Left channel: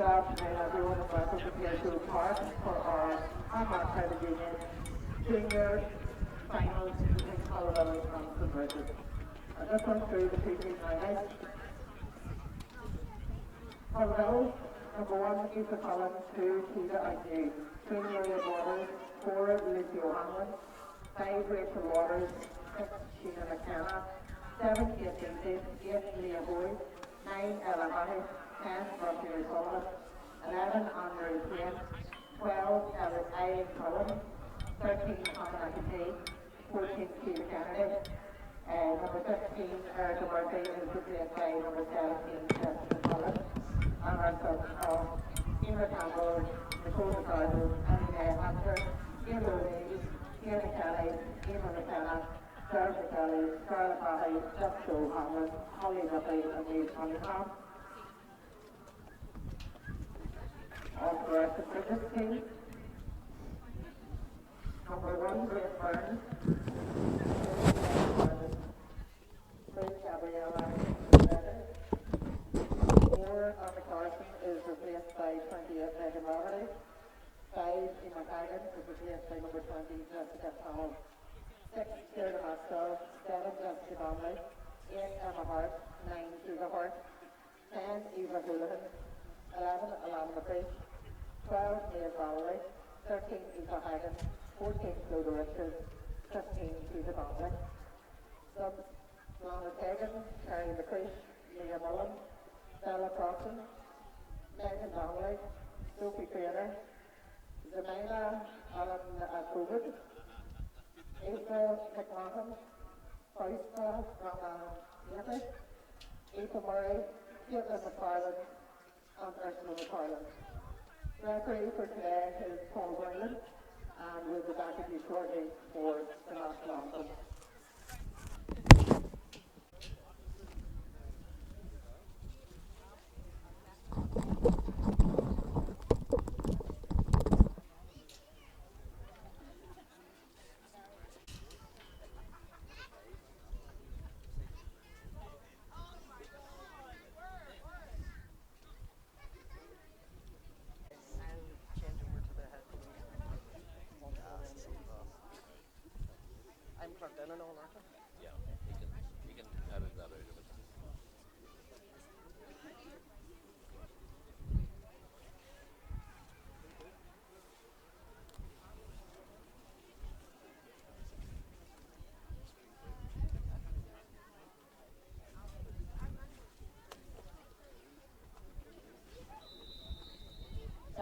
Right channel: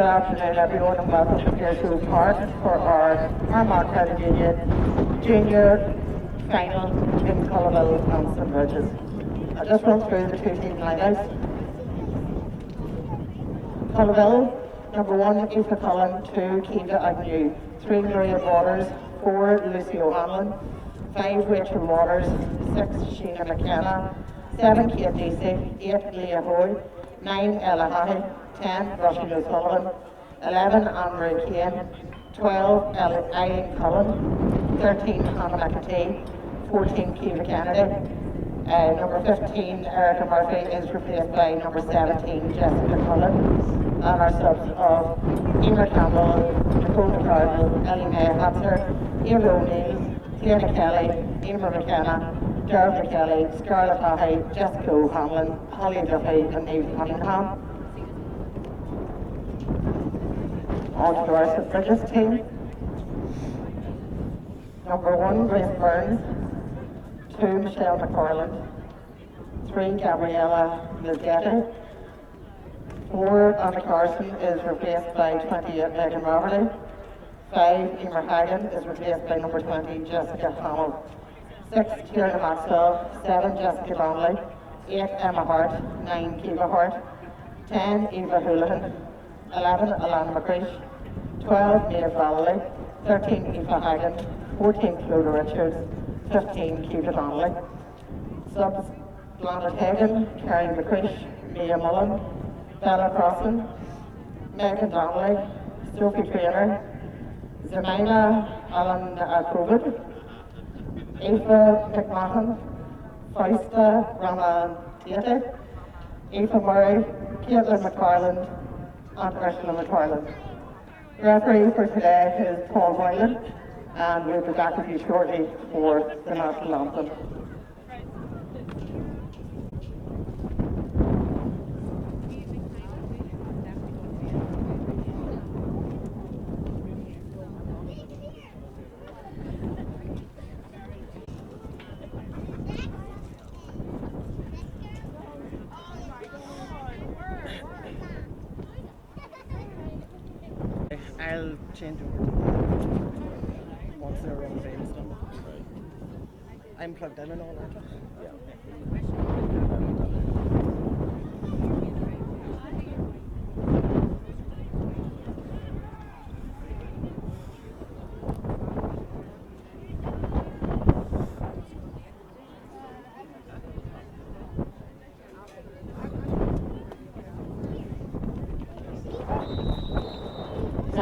Good afternoon, everyone, and welcome to Pearshoe Park for our Armagh Credit Union Junior Final in Culloville and St Brigids. I'll just run through the two team lineouts. Culloville, number 1, Aoife Cullen, 2, Kiva Agnew, 3, Maria Waters, 4, Lucy O'Hanlon, 5, Rachel Waters, 6, Sheena McKenna, 7, Kate Deasy, 8, Leah Hoy, 9, Ella Hahi, 10, Roisin O'Sullivan, 11, Anne-Marie Kane, 12, Eileen Cullen, 13, Hannah McAtee, 14, Kiva Kennedy, number 15, Erica Murphy is replaced by number 17, Jessica Cullen, and our subs of Emer Campbell, Nicole McCardle, Ellie May Hatzer, Eva O'Neill, Fiona Kelly, Emer McKenna, Gerald McKelly, Scarlett Hahi, Jessica O'Hanlon, Holly Duffy, and Eve Cunningham. On to our St Brigids team. Number 1, Grace Burns, 2, Michelle McFarland, 3, Gabriella Lizzetti, 4, Anna Carson is replaced by 28, Megan Rafferty, 5, Emer Hagan is replaced by number 20, Jessica Hamill, 6, Tierna Maxwell, 7, Jessica Donnelly, 8, Emma Hart, 9, Kiva Hart, 10, Eva Houlihan, 11, Alana McCreesh, 12, Niamh Valley, 13, Aoife Hagan, 14, Clodagh Richards, 15, Kiva Donnelly. Subs, Blanche Hagan, Carrie McCreesh, Mia Mullen, Bella Crossan, Megan Donnelly, Sophie Traynor, Zemina Alan Covid, Aoife McMahon, Fausta Rama Tate, Aoife Murray, Caitlin McFarland, and Ursula McFarland. The referee for today is Paul Boylan, and we'll be back with you shortly for the national anthem. I'll change it once they're on the same stuff. I'm plugged in and all that.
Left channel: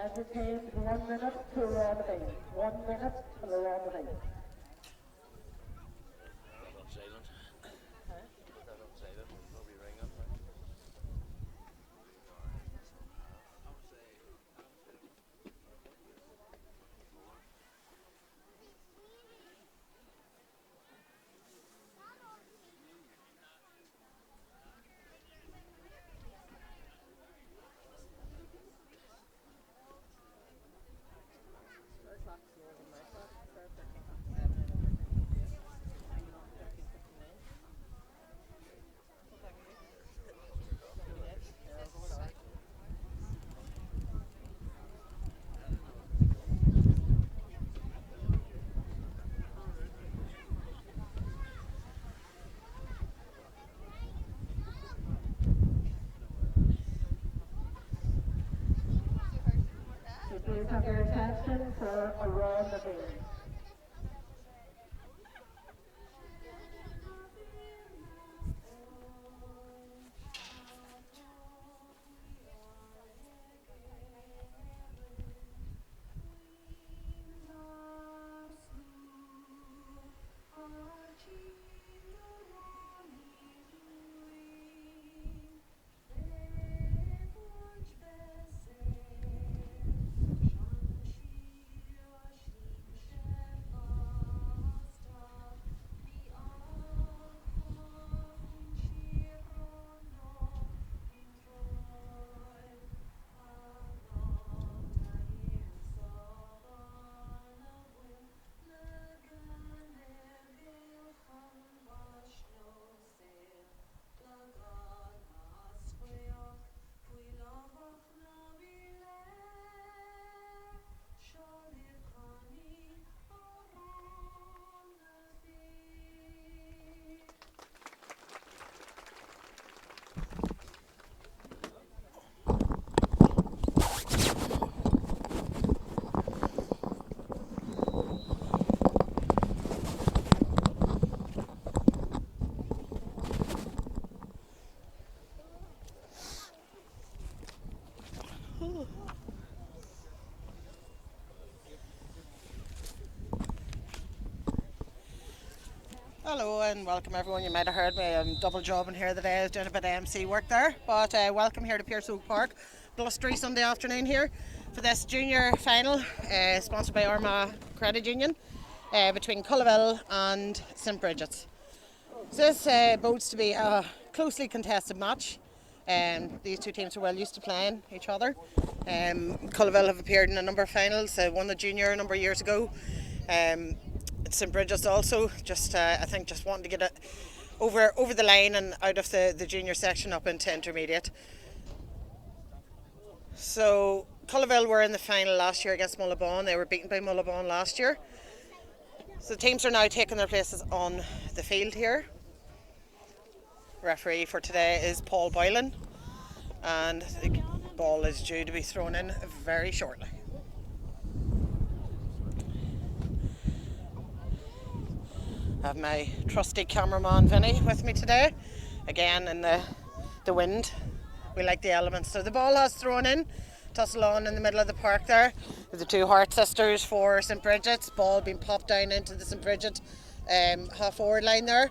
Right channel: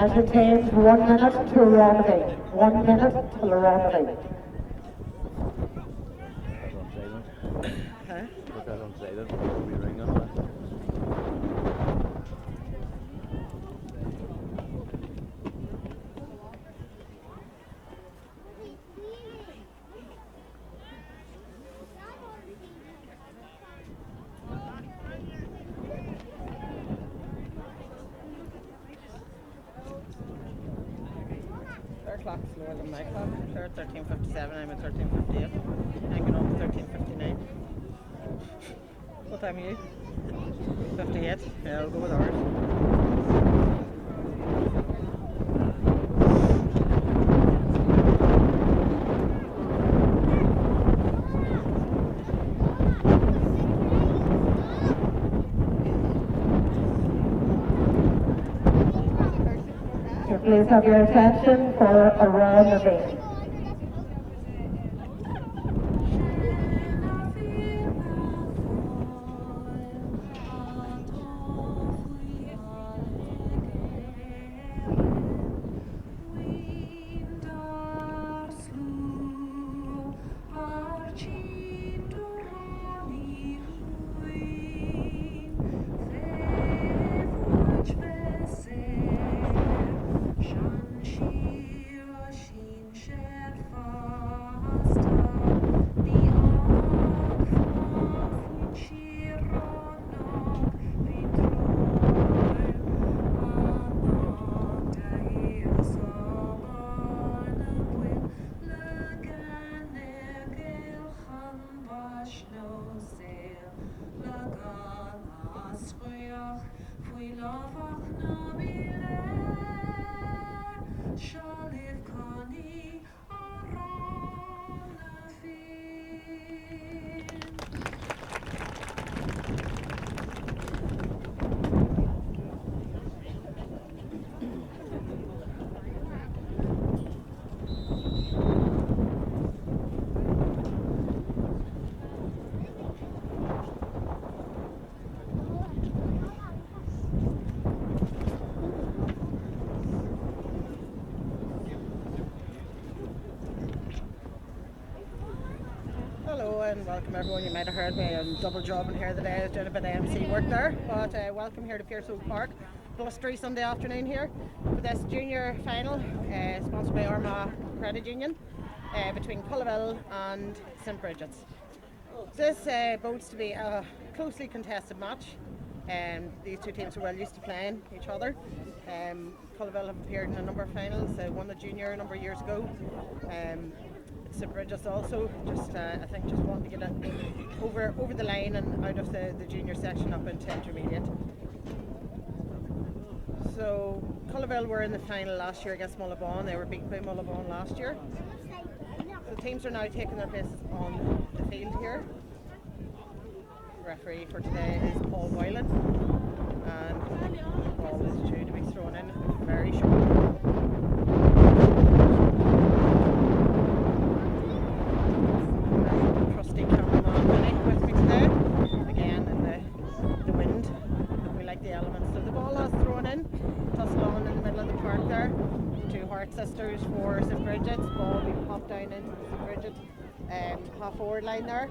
Entertained 1 minute to remedy. 1 minute to remedy. Put that on silent before we ring up. Their clock's slower than my clock. They're at 13:57, I'm at 13:58. Hanging on to 13:59. What time are you? 58? Yeah, I'll go with ours. Please have your attention for a round of 8. Shan Hello and welcome everyone. You might have heard me, I'm double jobbing here today, doing a bit of MC work there. But welcome here to Pierce Oak Park. Blustery Sunday afternoon here for this junior final, sponsored by Armagh Credit Union, between Culloville and St Brigids. So this bodes to be a closely contested match. These two teams are well used to playing each other. Culloville have appeared in a number of finals, won the junior a number of years ago. St Brigids also I think just wanting to get it over the line and out of the junior section up into intermediate. So Culloville were in the final last year against Mullabon. They were beaten by Mullabon last year. So the teams are now taking their places on the field here. Referee for today is Paul Boylan, and the ball is due to be thrown in very shortly. I have my trusty cameraman Vinny with me today, again in the wind. We like the elements. So the ball has thrown in, tussle on in the middle of the park there. The two Hart sisters for St Brigids. Ball being popped down into the St Brigid half forward line there.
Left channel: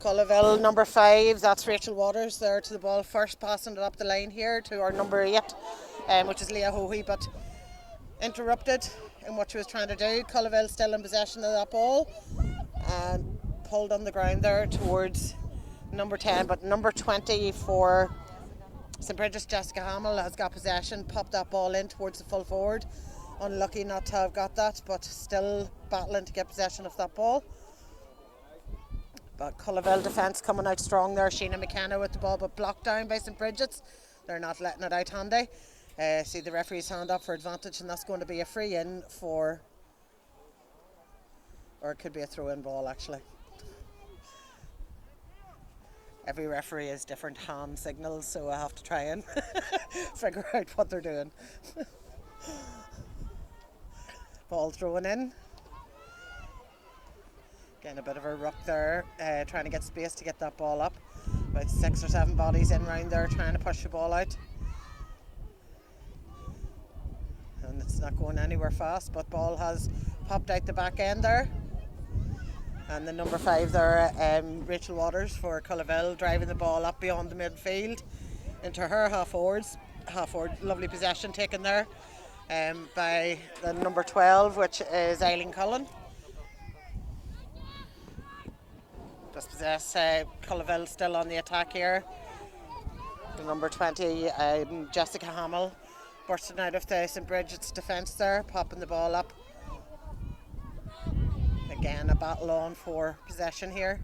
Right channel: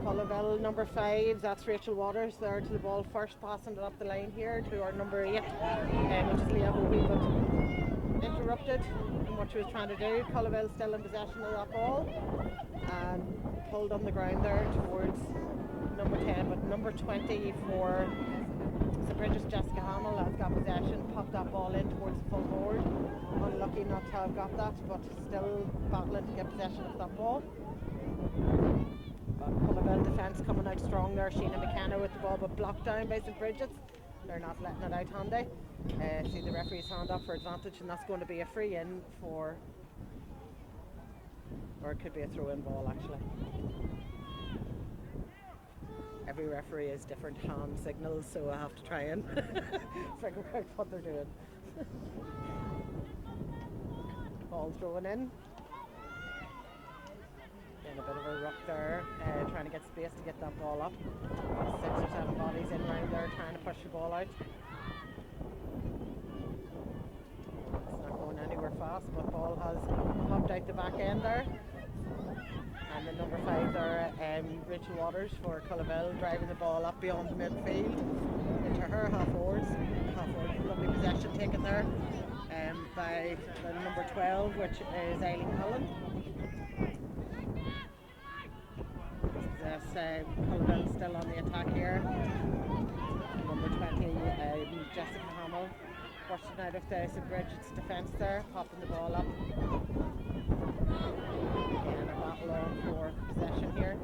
Culloville number 5, that's Rachel Waters there to the ball first, passing it up the line here to our number 8, which is Leah Hoey, but interrupted in what she was trying to do. Culloville still in possession of that ball and pulled on the ground there towards number 10, but number 20 for St Brigids, Jessica Hamill, has got possession, popped that ball in towards the full forward. Unlucky not to have got that, but still battling to get possession of that ball. But Culloville defence coming out strong there. Sheena McKenna with the ball, but blocked down by St Brigids. They're not letting it out handy. See the referee's hand up for advantage, and that's going to be a free in for, or it could be a throw in ball actually. Every referee has different hand signals, so I have to try and figure out what they're doing. Ball thrown in. Getting a bit of a ruck there, trying to get space to get that ball up. With 6 or 7 bodies in round there trying to push the ball out. And it's not going anywhere fast, but ball has popped out the back end there. And the number 5 there, Rachel Waters for Culloville, driving the ball up beyond the midfield into her half forward. Lovely possession taken there by the number 12, which is Eileen Cullen. Just possess Culloville still on the attack here. The number 20, Jessica Hamill, bursting out of the St Brigids defence there, popping the ball up. Again, a battle on for possession here.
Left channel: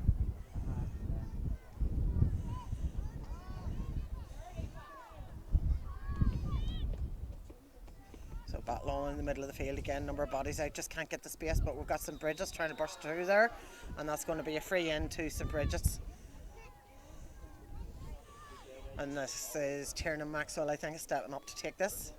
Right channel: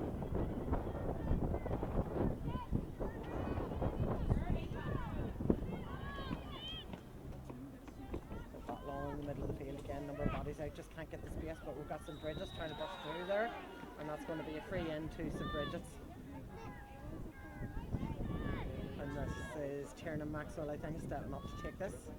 So battle on in the middle of the field again, number of bodies out, just can't get the space, but we've got St Brigids trying to burst through there, and that's going to be a free in to St Brigids. And this is Tiernan Maxwell, I think, is stepping up to take this.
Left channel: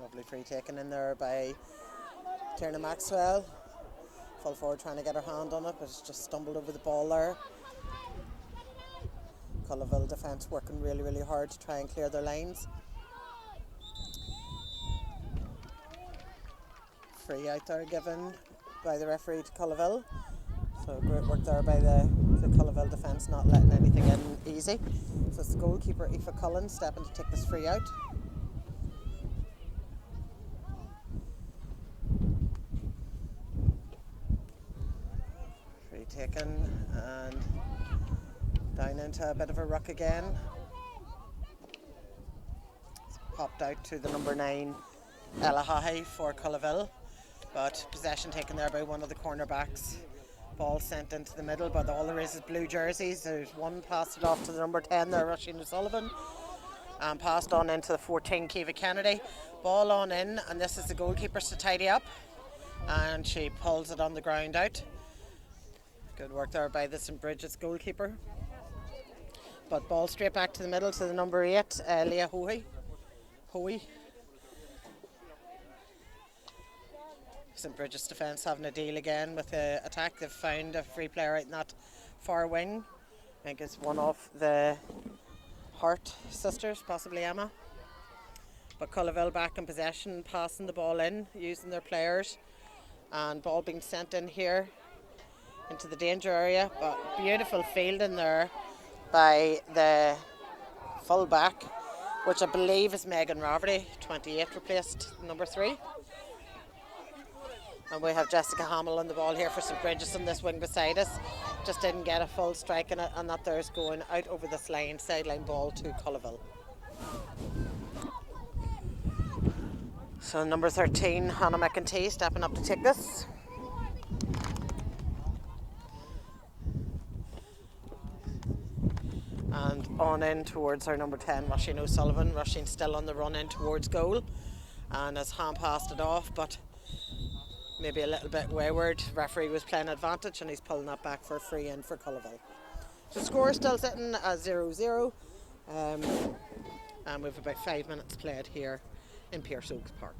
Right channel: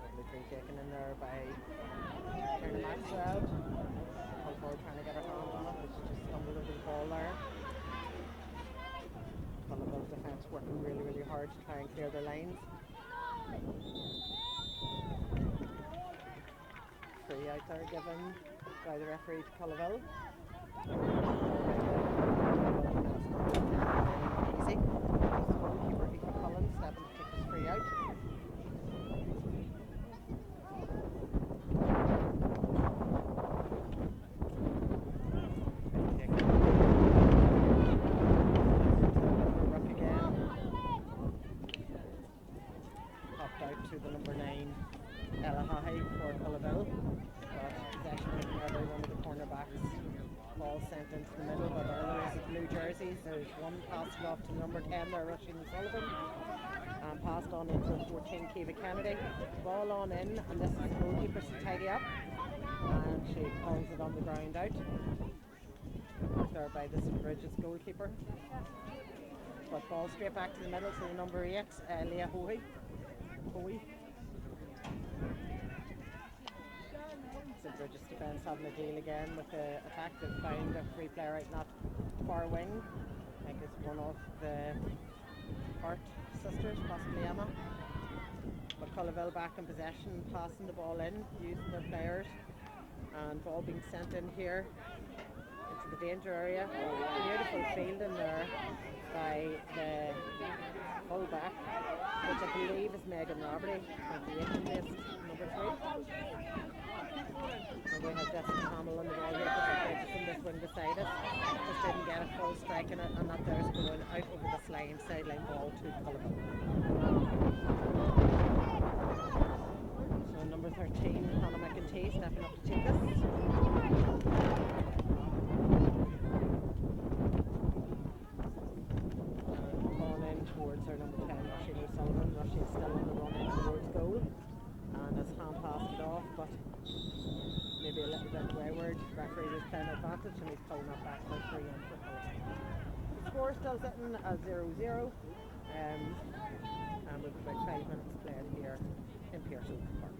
Lovely free taken in there by Tiernan Maxwell. Full forward trying to get her hand on it, but she just stumbled over the ball there. Culloville defence working really, really hard to try and clear their lines. Free out there given by the referee to Culloville. So good work there by the Culloville defence, not letting anything in easy. So it's the goalkeeper Aoife Cullen stepping to take this free out. Free taken and down into a bit of a ruck again. It's popped out to the number 9 Ella Hahi for Culloville. But possession taken there by one of the cornerbacks. Ball sent into the middle, but all there is blue jerseys. There's one passed it off to the number 10 there, Roisin O'Sullivan, and passed on into the 14, Kiva Kennedy. Ball on in, and this is the goalkeepers to tidy up, and she pulls it on the ground out. Good work there by the St Brigids goalkeeper. But ball straight back to the middle to the number 8, Leah Hoey. St Brigids defence having a deal again with the attack. They've found a free player out in that far wing. I think it's one of the Hart sisters, possibly Emma. But Culloville back in possession, passing the ball in, using their players, and ball being sent in here into the danger area. But beautiful fielding there by the full back, which I believe is Megan Rafferty, 28, replaced number 3. And we have Jessica Hamill on the ball here for St. Brigids on this wing beside us. Just didn't get a full strike in it, and that there's going out over this line, sideline ball to Culloville. So number 13, Hannah McEntee, stepping up to take this. And on in towards our number 10, Roisin O'Sullivan. Roisin still on the run in towards goal, and has hand passed it off, but maybe a little bit wayward. Referee was playing advantage, and he's pulling that back for a free in for Culloville. So score still sitting at 0-0, and we've about 5 minutes played here in Pierce Oaks Park.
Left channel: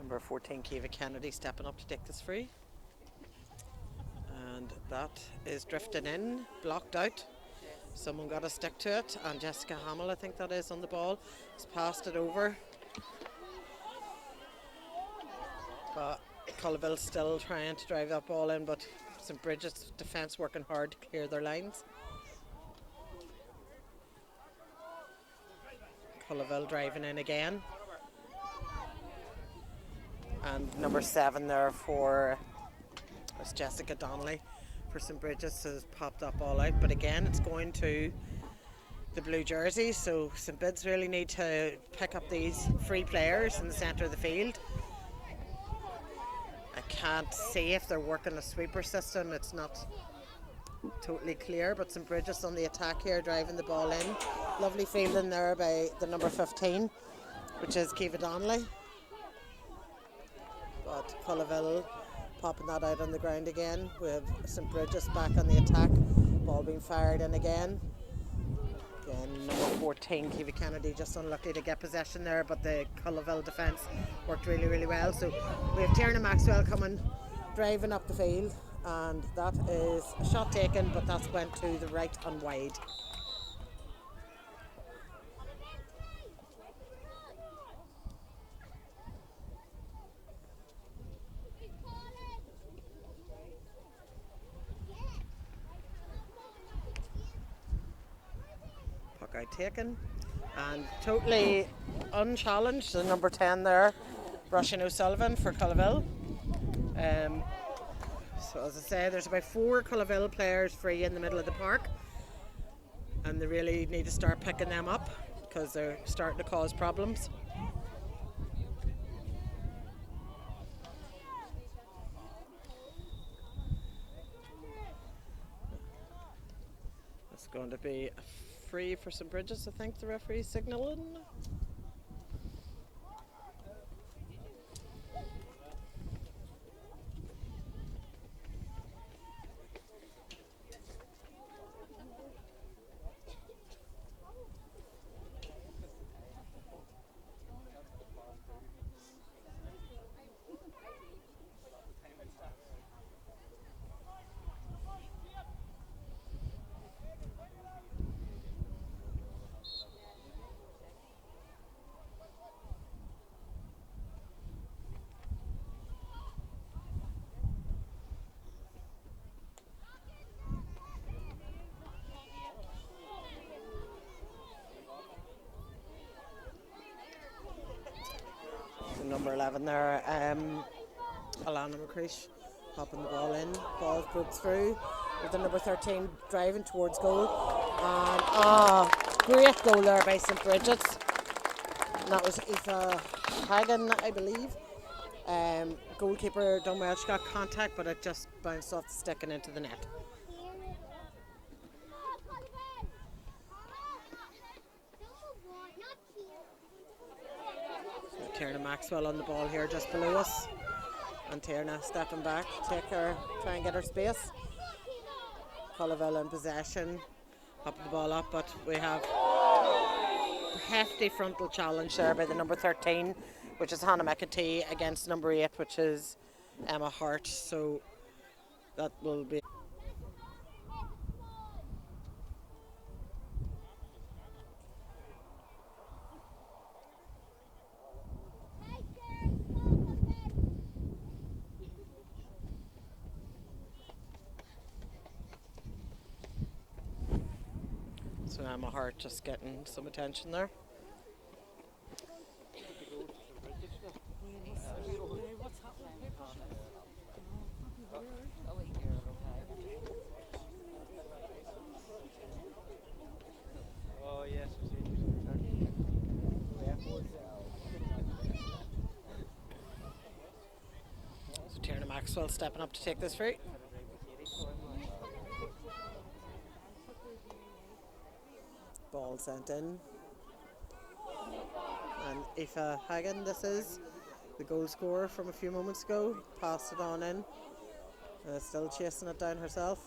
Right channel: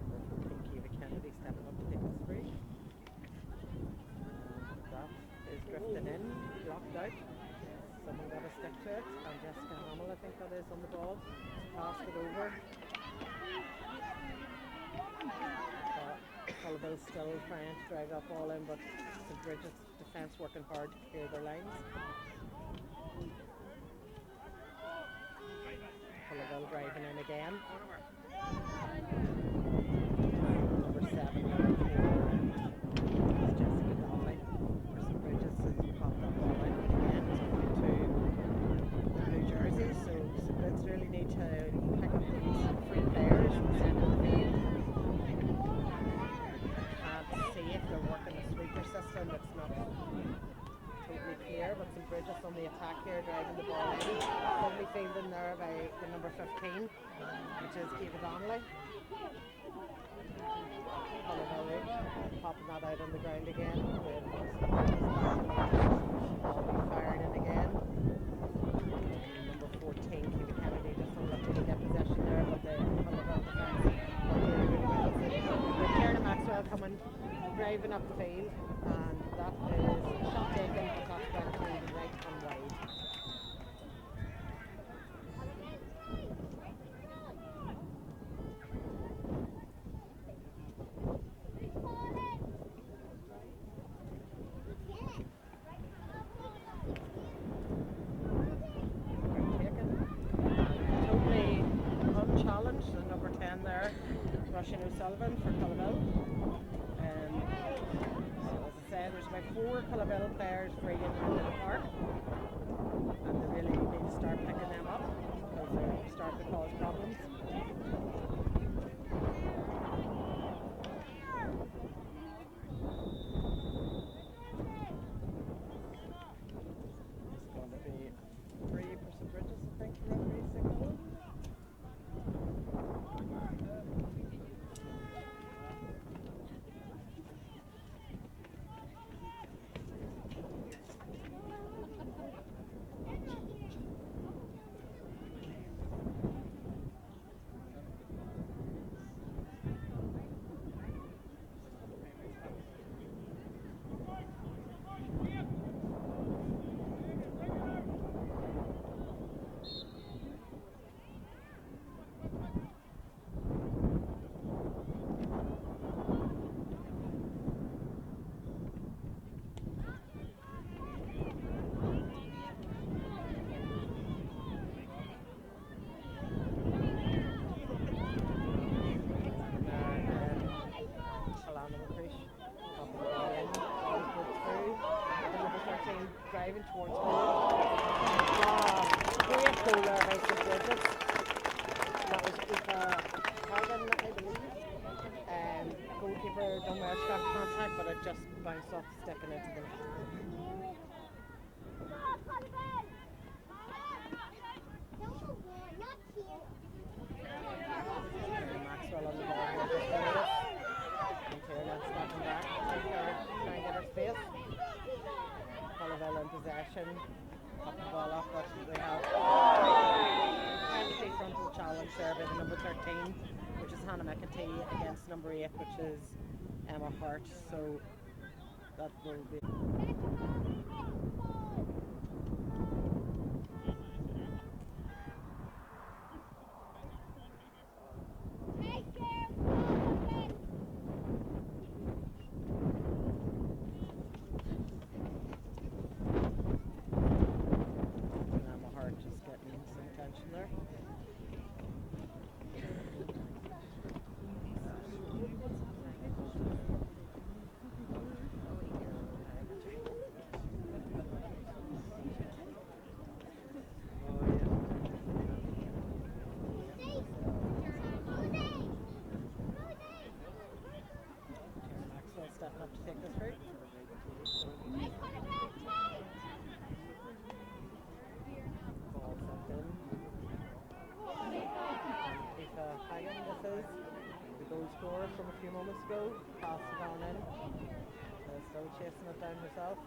Number 14, Kiva Kennedy, stepping up to take this free. And that is drifting in, blocked out. Someone got a stick to it, and Jessica Hamill, I think that is, on the ball, has passed it over. But Culloville still trying to drive that ball in, but St. Brigids defence working hard to clear their lines. Culloville driving in again. And number 7 there for Jessica Donnelly for St. Brigids has popped that ball out, but again it's going to the blue jerseys, so St. Brigids really need to pick up these free players in the centre of the field. I can't see if they're working a sweeper system, it's not totally clear, but St. Brigids on the attack here, driving the ball in. Lovely fielding there by the number 15, which is Kiva Donnelly. But Culloville popping that out on the ground again, with St. Brigids back on the attack. Ball being fired in again. Again, number 14, Kiva Kennedy, just unlucky to get possession there, but the Culloville defence worked really, really well. So we have Tierna Maxwell coming, driving up the field, and that is a shot taken, but that's went to the right and wide. Taken and totally unchallenged, the number 10 there, Roisin O'Sullivan for Culloville. So as I say, there's about 4 Culloville players free in the middle of the park, and they really need to start picking them up because they're starting to cause problems. It's going to be free for St. Brigids, I think the referee's signalling. There, Alana McCreesh popping the ball in, ball broke through with the number 13 driving towards goal, and great goal there by St. Brigids, and that was Aoife Hagan, I believe. Goalkeeper done well, she got contact, but it just bounced off the stick and into the net. Tierna Maxwell on the ball here just below us, and Tierna stepping back, try and get her space. Culloville in possession, popping the ball up, but we have slightly frontal challenge there by the number 13, which is Hannah McEntee, against number 8, which is Emma Hart. So that will be. So Emma Hart just getting some attention there. So Tierna Maxwell stepping up to take this free. Ball sent in. And Aoife Hagan, this is the goal scorer from a few moments ago, passed it on in. Still chasing it down herself.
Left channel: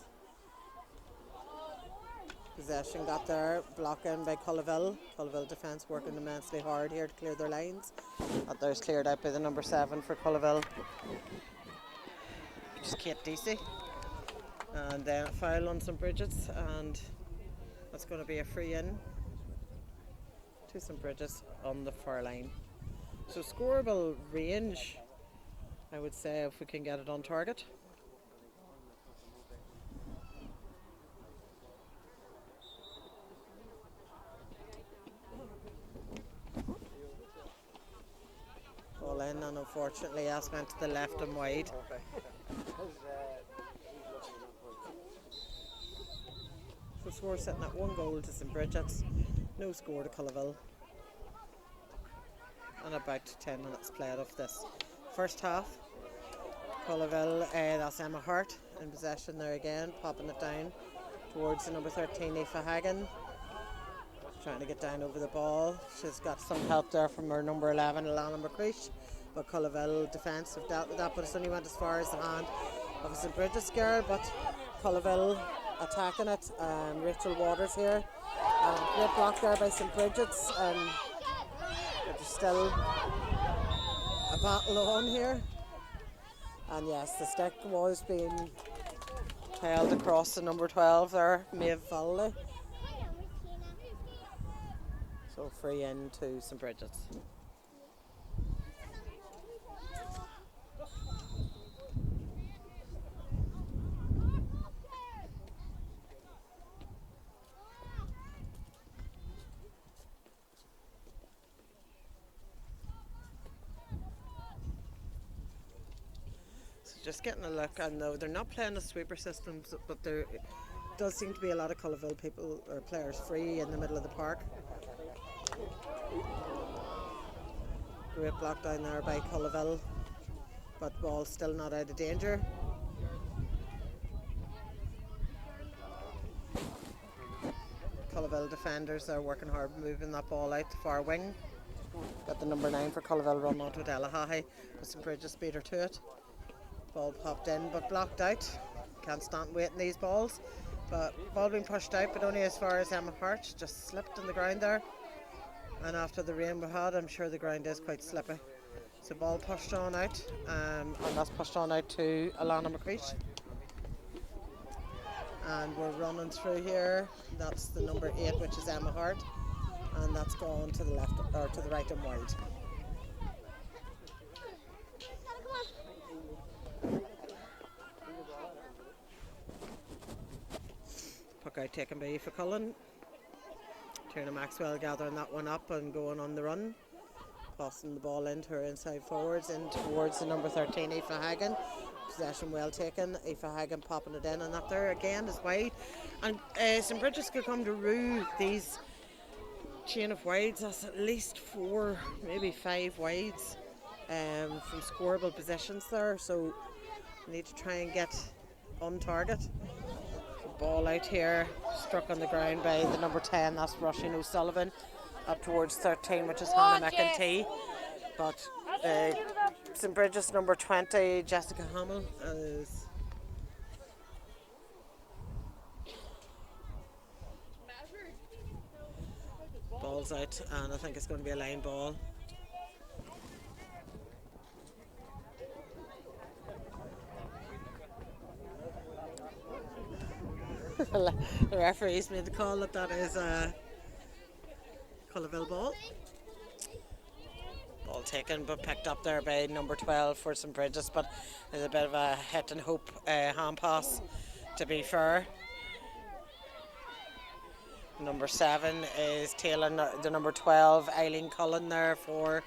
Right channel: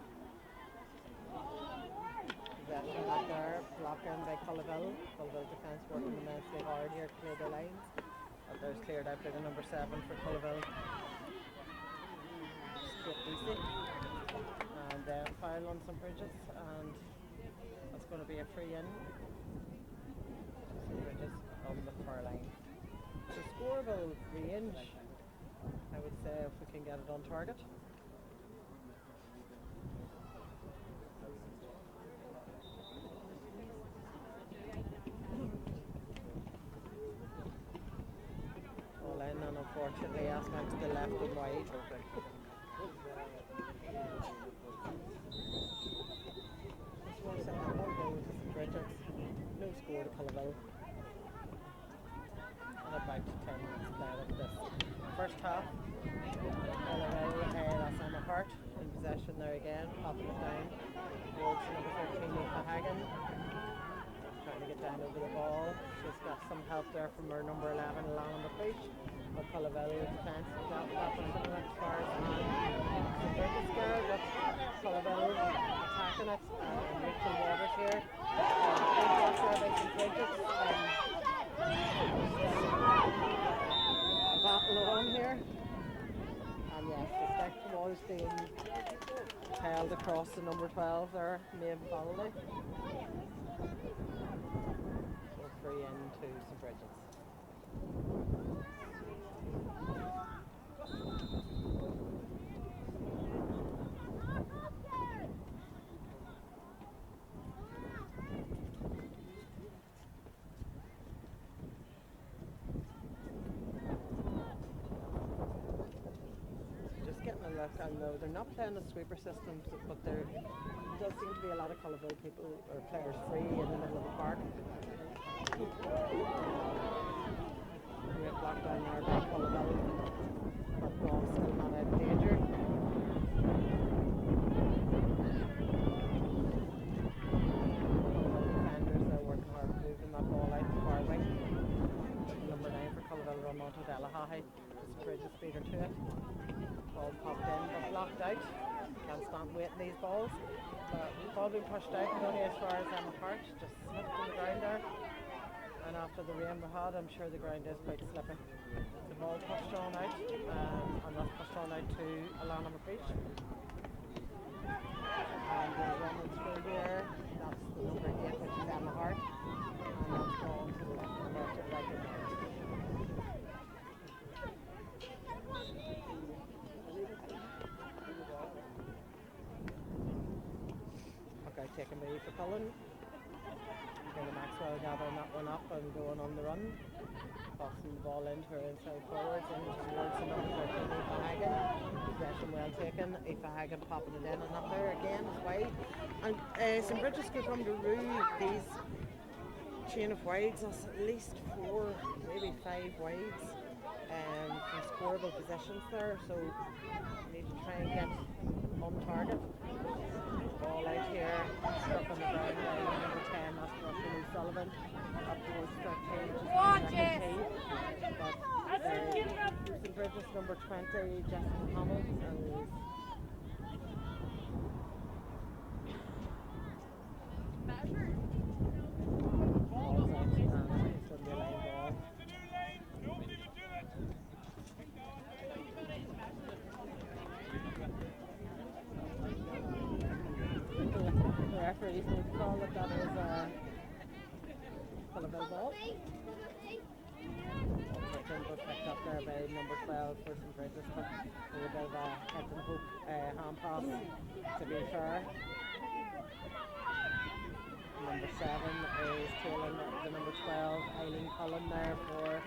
Possession got there, blocked in by Culloville. Culloville defence working immensely hard here to clear their lines. That there's cleared out by the number 7 for Culloville, which is Kate Deasy. And then a foul on St Brigids, and it's going to be a free in to St Brigids on the far line. So scoreable range, I would say, if we can get it on target. Ball in, and unfortunately as went to the left and wide. The score sitting at 1 goal to St Brigids, no score to Culloville. And about 10 minutes played of this first half. Culloville, that's Emma Hart in possession there again, popping it down towards the number 13, Aoife Hagan. Trying to get down over the ball. She's got some help there from her number 11, Alana McCreesh. But Culloville defence have dealt with that, but it's only went as far as the hand of St Brigids girl. But Culloville attacking it, and Rachel Waters here. Great block there by St Brigids. Still a battle on here. And yes, the stick was being held across the number 12 there, Maeve Valley. So free in to St Brigids. Just getting a look, and though they're not playing a sweeper system, but there does seem to be a lot of Culloville people or players free in the middle of the park. Great block down there by Culloville, but ball still not out of danger. Culloville defenders are working hard, moving that ball out the far wing. Got the number 9 for Culloville run onto it, Ella Hahi. St Brigids beat her to it. Ball popped in but blocked out. Can't stand waiting these balls. But ball being pushed out, but only as far as Emma Hart. She just slipped on the ground there. And after the rain we had, I'm sure the ground is quite slippy. So ball pushed on out, and that's pushed on out to Alana McCreesh. And we're running through here. That's the number 8, which is Emma Hart. And that's gone to the left, or to the right and wide. Puck out taken by Aoife Cullen. Tierna Maxwell gathering that one up and going on the run. Passing the ball into her inside forwards, in towards the number 13, Aoife Hagan. Possession well taken. Aoife Hagan popping it in, and that there again is wide. And St Brigids could come to rue these chain of wides. That's at least 4, maybe 5 wides from scoreable positions there. So need to try and get on target. Ball out here, struck on the ground by the number 10, that's Roisin O'Sullivan, up towards 13, which is Hannah McEntee. But St Brigids number 20, Jessica Hamill, is ball's out, and I think it's going to be a line ball. The referees made the call that is a Culloville ball. Ball taken but picked up there by number 12 for St Brigids, but there's a bit of a hit and hope hand pass to be fair. Number 7 is tailing the number 12, Eileen Cullen there for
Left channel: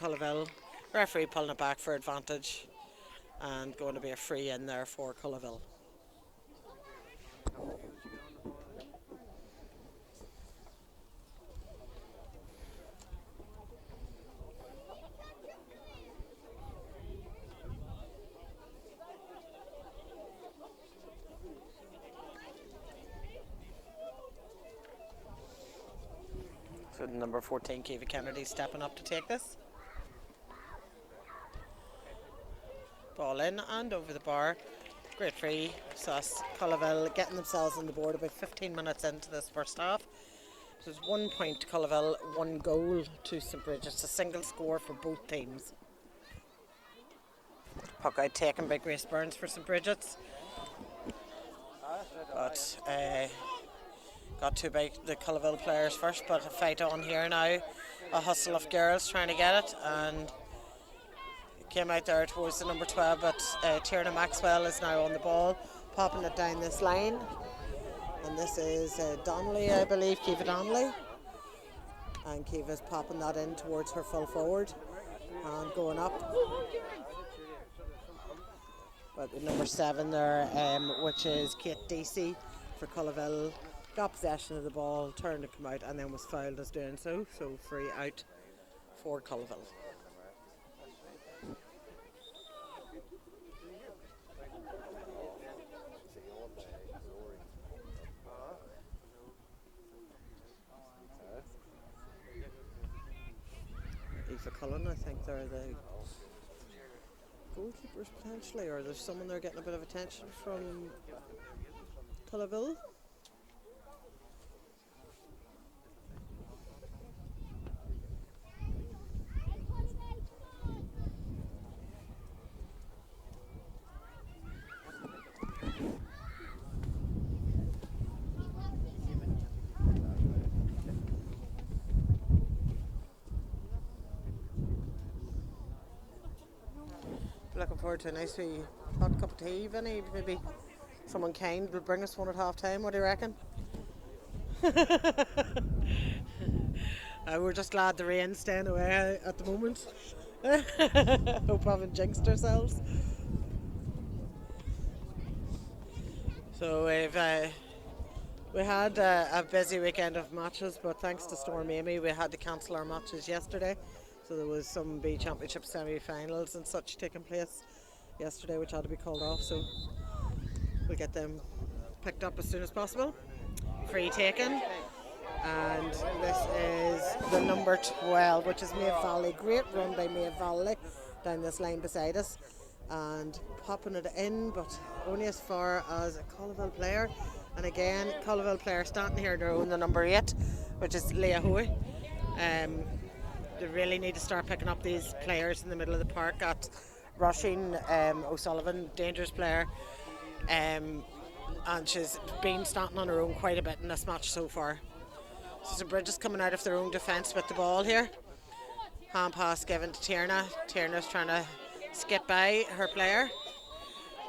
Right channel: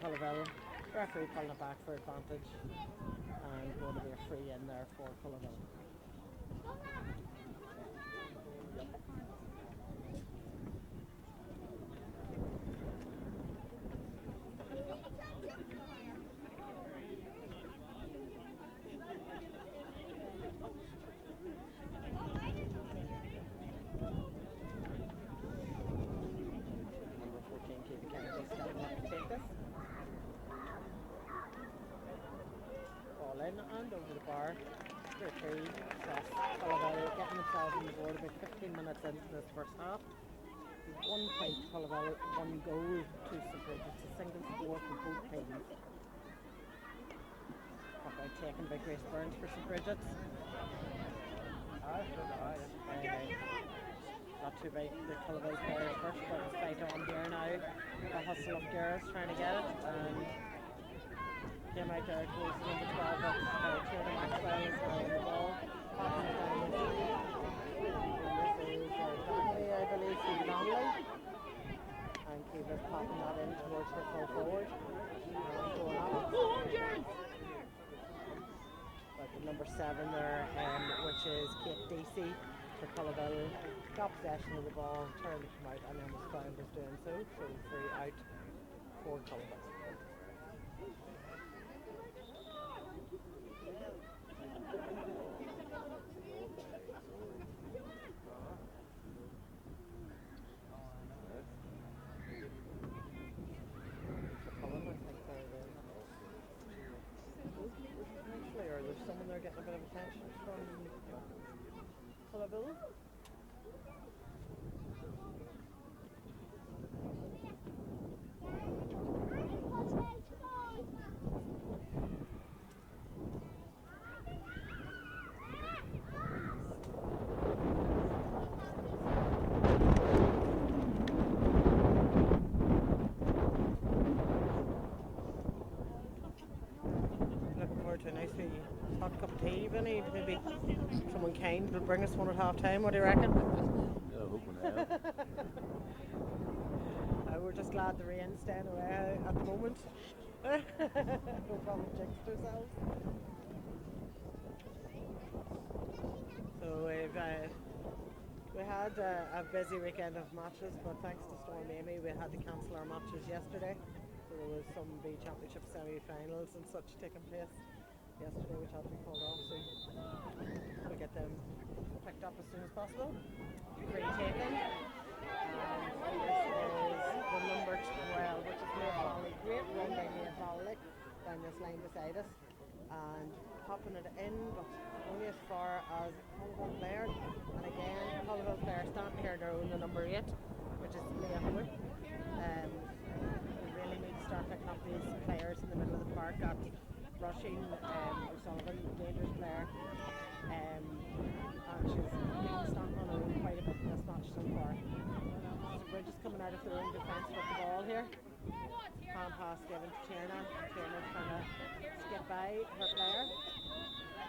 Culloville. Referee pulling it back for advantage and going to be a free in there for Culloville. So number 14, Kiva Kennedy, stepping up to take this. Ball in and over the bar. Great free. So that's Culloville getting themselves on the board about 15 minutes into this first half. So there's 1 point to Culloville, 1 goal to St Brigids. A single score for both teams. Puck out taken by Grace Burns for St Brigids. But got to by the Culloville players first, but a fight on here now. A hustle of girls trying to get it, and came out there towards the number 12, but Tierna Maxwell is now on the ball, popping it down this line. And this is Donnelly, I believe, Kiva Donnelly. And Kiva's popping that in towards her full forward and going up. But the number 7 there, which is Kate Deasy for Culloville, got possession of the ball, turned to come out, and then was fouled as doing so. So free out for Culloville. Cullen, I think they're the goalkeepers potentially, or there's someone there getting a bit of attention from Culloville. Looking forward to a nice wee hot cup of tea, Vinny. Maybe someone kind will bring us one at half time. What do you reckon? We're just glad the rain's staying away at the moment. Hope we haven't jinxed ourselves. So we had a busy weekend of matches, but thanks to Storm Amy, we had to cancel our matches yesterday. So there was some B Championship semi-finals and such taking place yesterday, which had to be called off. So we'll get them picked up as soon as possible. Free taken, and this is the number 12, which is Maeve Valley. Great run by Maeve Valley down this line beside us, and popping it in, but only as far as a Culloville player. And again, Culloville player standing here in their own, the number 8, which is Leah Hoey. They really need to start picking up these players in the middle of the park at rushing. O'Sullivan, dangerous player, and she's been standing on her own quite a bit in this match so far. So Brigids coming out of their own defence with the ball here. Hand pass given to Tierna. Tierna's trying to skip by her player,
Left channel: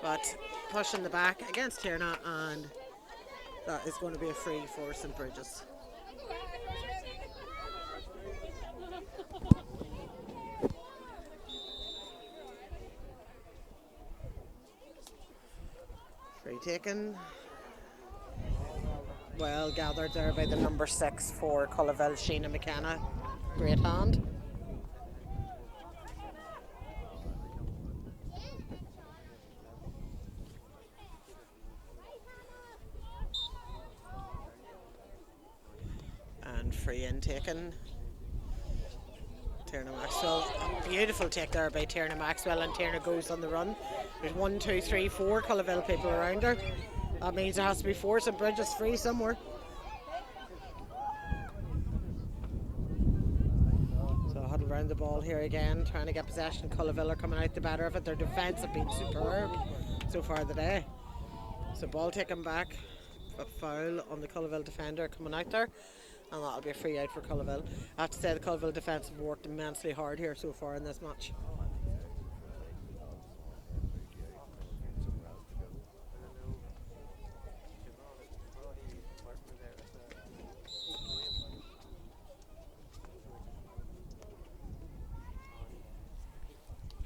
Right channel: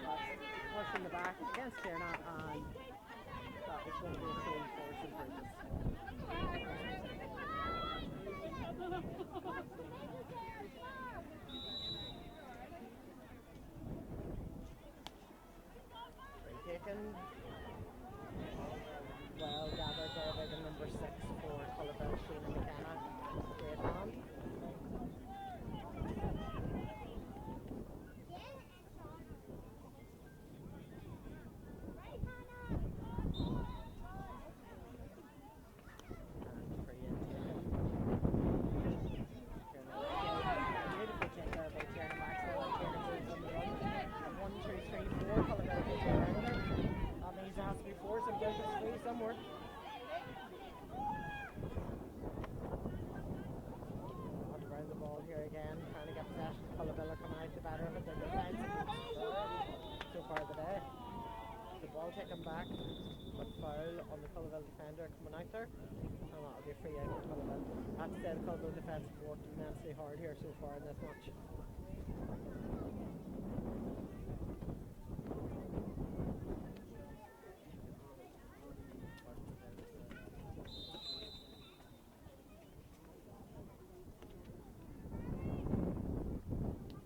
but pushing the back against Tierna, and that is going to be a free for St Brigids. Free taken. Well gathered there by the number 6 for Culloville, Sheena McKenna. Great hand. And free in taken. Tierna Maxwell. Beautiful take there by Tierna Maxwell, and Tierna goes on the run. There's 1, 2, 3, 4 Culloville people around her. That means there has to be 4 St Brigids free somewhere. around the ball here again, trying to get possession. Culloville are coming out the better of it. Their defence have been superb so far today. So ball taken back, a foul on the Culloville defender coming out there, and that'll be a free out for Culloville. I have to say the Culloville defence have worked immensely hard here so far in this match.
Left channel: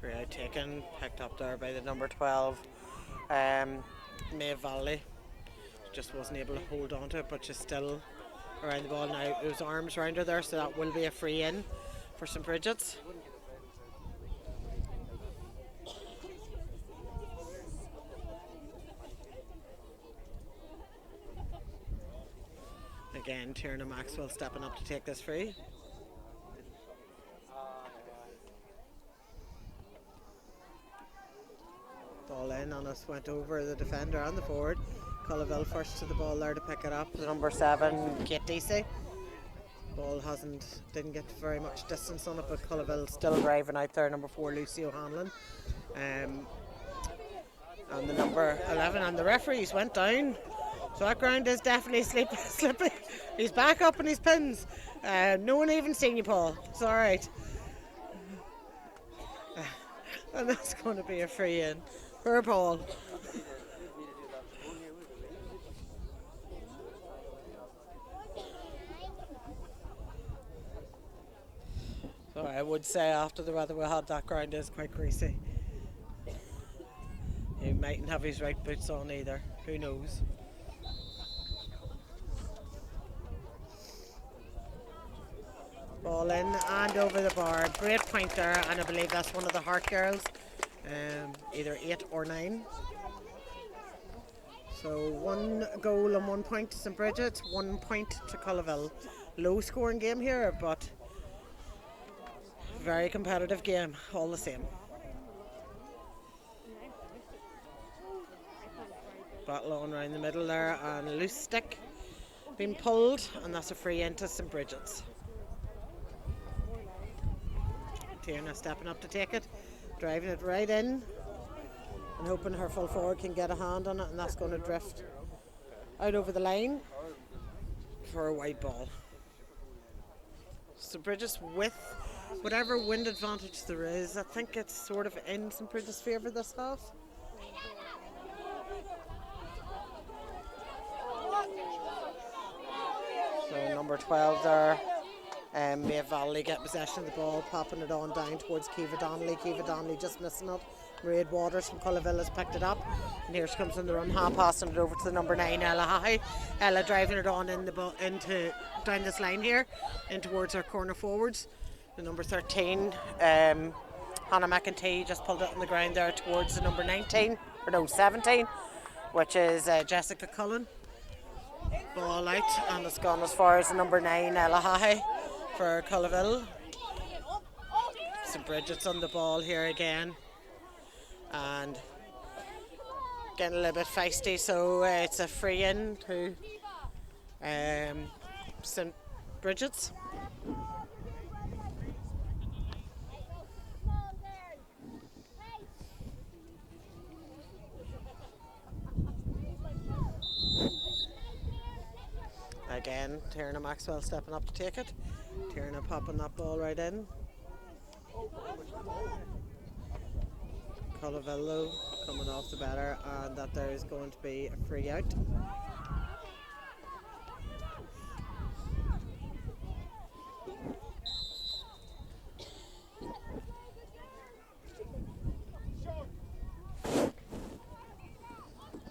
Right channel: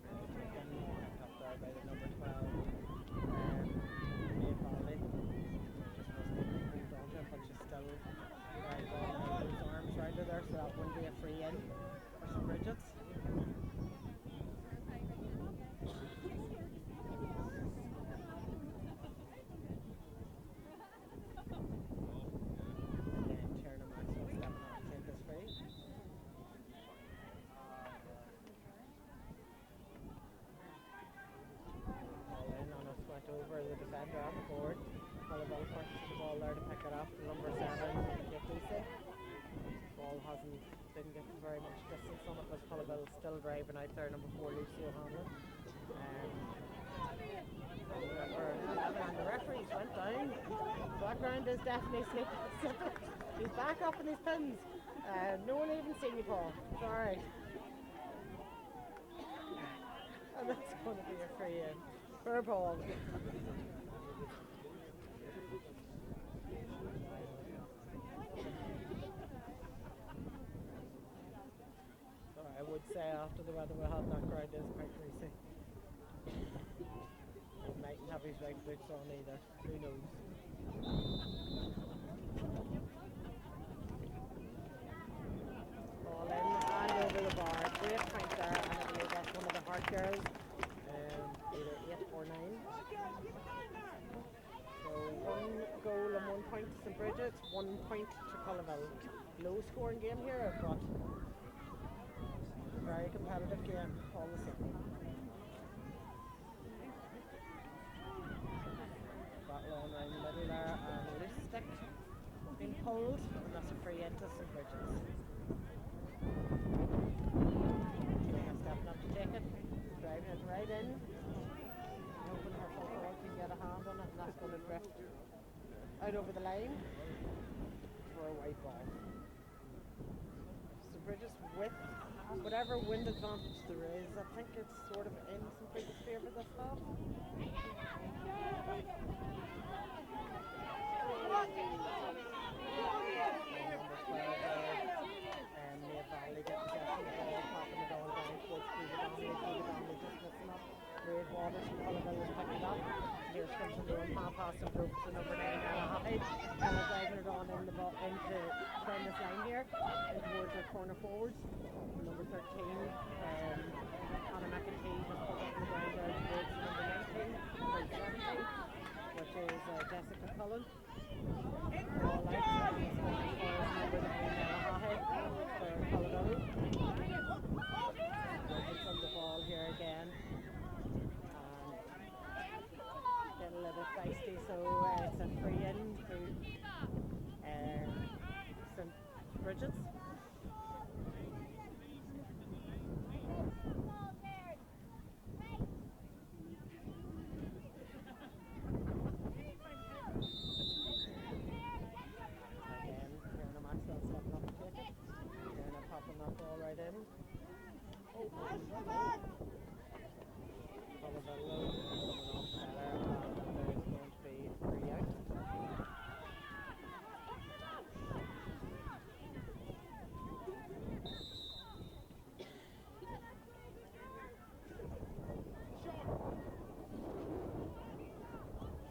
Free out taken, picked up there by the number 12, May Valley. Just wasn't able to hold on to it, but she's still around the ball now. Those arms around her there, so that will be a free in for St. Brigids. Again, Tierna Maxwell stepping up to take this free. Ball in, and us went over the defender and the forward. Culloville first to the ball there to pick it up. The number 7, Kate Deasy. Ball didn't get very much distance on it, but Culloville still driving out there. Number 4, Lucy O'Hanlon. And the number 11, and the referees went down. So that ground is definitely slippy. He's back up in his pins. No one even seen you, Paul. It's alright. And that's going to be a free in for Paul. So I would say after the weather we had, that ground is quite greasy. He mightn't have his right boots on either. Who knows? Ball in and over the bar. Great point there, and I believe that's one of the Hart girls, either 8 or 9. So 1 goal and 1 point to St. Brigids, 1 point to Culloville. Low scoring game here, but very competitive game all the same. Battle on around the middle there, and a loose stick being pulled, and that's a free into St. Brigids. Tierna stepping up to take it, driving it right in, and hoping her full forward can get a hand on it, and that's going to drift out over the line for a white ball. St. Brigids with whatever wind advantage there is, I think it's sort of in St. Brigids' favour this half. So number 12 there, May Valley get possession of the ball, popping it on down towards Kiva Donnelly. Kiva Donnelly just missing it. Mairead Waters from Culloville has picked it up, and here she comes in the room, passing it over to the number 9, Ella High. Ella driving it on in the into down this line here, in towards her corner forwards. The number 13, Hannah McEntee, just pulled it on the ground there towards the number 17, which is Jessica Cullen. Ball out, and it's gone as far as the number 9, Ella High, for Culloville. St. Brigids on the ball here again, and getting a little bit feisty, so it's a free in to St. Brigids. Again, Tierna Maxwell stepping up to take it. Tierna popping that ball right in. Culloville coming off the better, and that there is going to be a free out.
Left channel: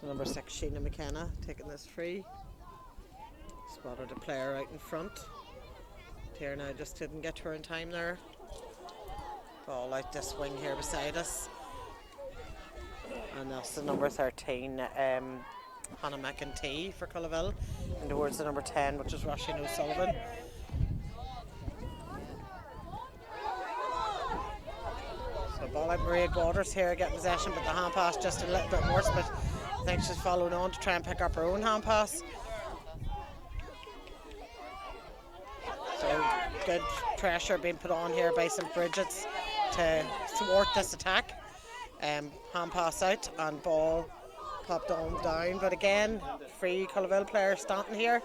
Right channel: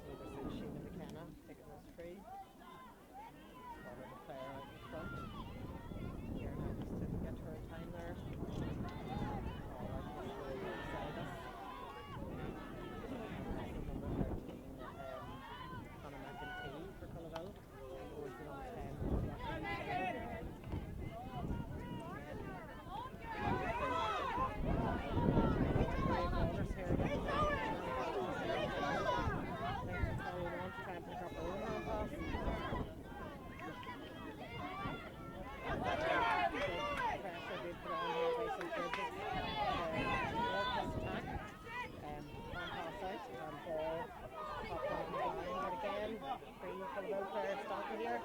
So number 6, Sheena McKenna, taking this free. Spotted a player right in front. Tierna just didn't get to her in time there. Ball out this wing here beside us. And that's the number 13, Hannah McEntee for Culloville. And towards the number 10, which is Roisin O'Sullivan. So ball out Mairead Waters here, get possession, but the hand pass just a little bit worse, but I think she's following on to try and pick up her own hand pass. So good pressure being put on here by St. Brigids to thwart this attack. Hand pass out and ball popped on down, but again, free Culloville player standing here.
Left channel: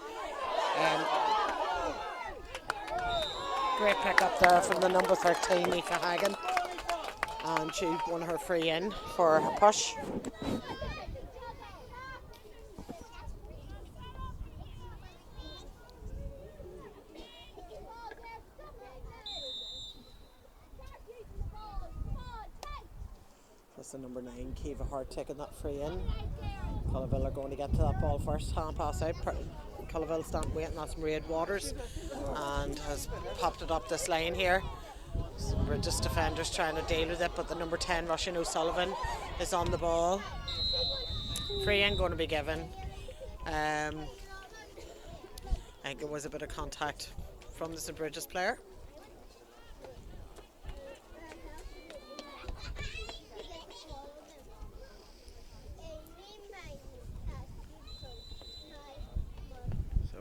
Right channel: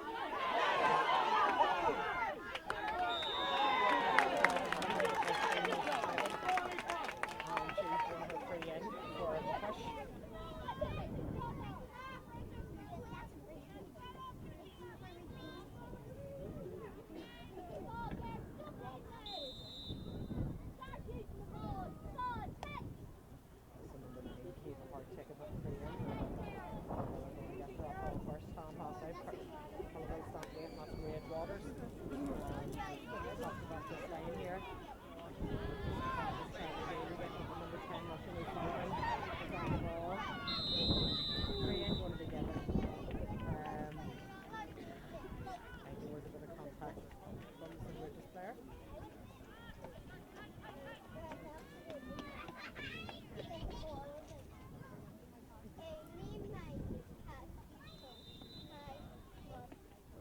Great pick up there from the number 13, Aoife Hagan, and she won her free in for a push. That's the number 9, Kiva Hart, taking that free in. Culloville are going to get to that ball first. Hand pass out. Culloville standing waiting. That's Mairead Waters and has popped it up this line here. So we're just defenders trying to deal with it, but the number 10, Roisin O'Sullivan, is on the ball. Free in going to be given. I think it was a bit of contact from the St. Brigids player.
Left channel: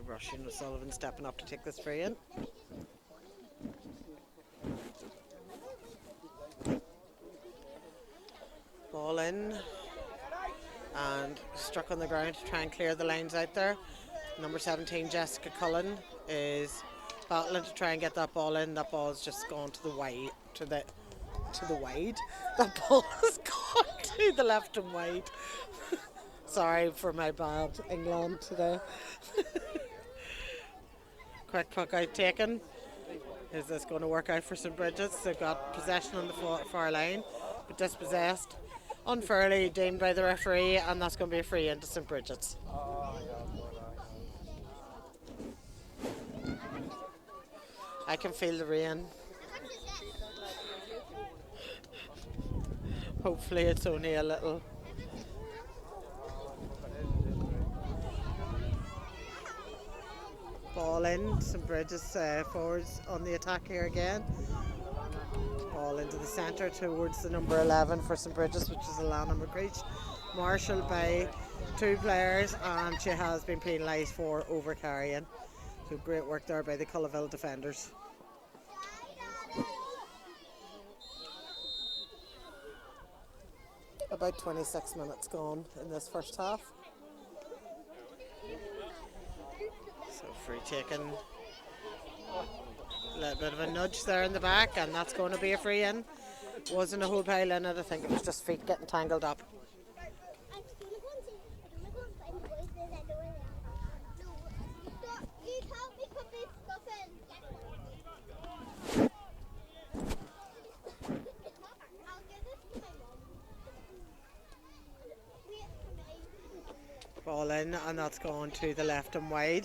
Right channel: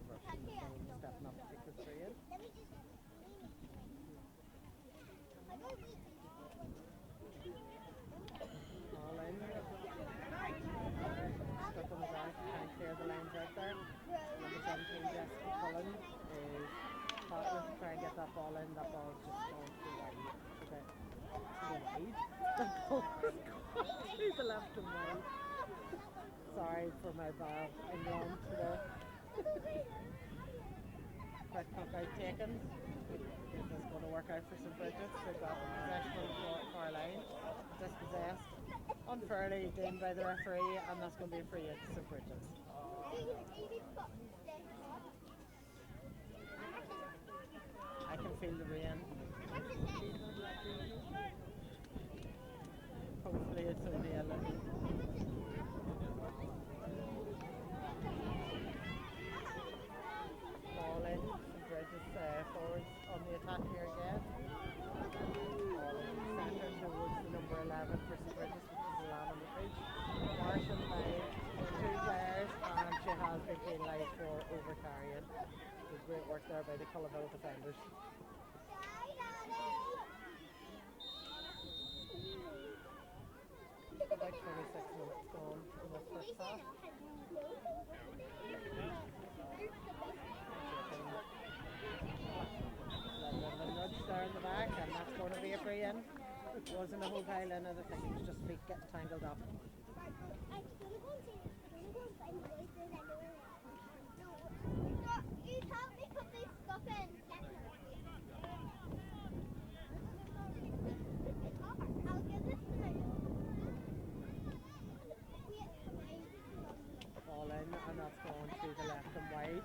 Roisin O'Sullivan stepping up to take this free in. Ball in and struck on the ground to try and clear the lines out there. Number 17, Jessica Cullen, is battling to try and get that ball in. That ball's just gone to the wide. That ball has gone to the left and wide. Sorry for my bad England today. Quick puck out taken. Is this going to work out for St. Brigids? They've got possession on the far line, but dispossessed unfairly deemed by the referee, and that's going to be a free into St. Brigids. I can feel the rain. Hopefully it's only a little. Ball in, St. Brigids forwards on the attack here again. Ball into the centre towards the number 11 for St. Brigids, which is Alana McGreech. Marshalled by 2 players, and she has been penalised for over-carrying. So great work there by the Culloville defenders. About 26 minutes gone in this first half. Free taken, a little bit of a nudge there in the back, and that's going to be a free in. Wasn't a whole pile in it, I think it was just feet getting tangled up. Ball in, and that's going to the left and wide.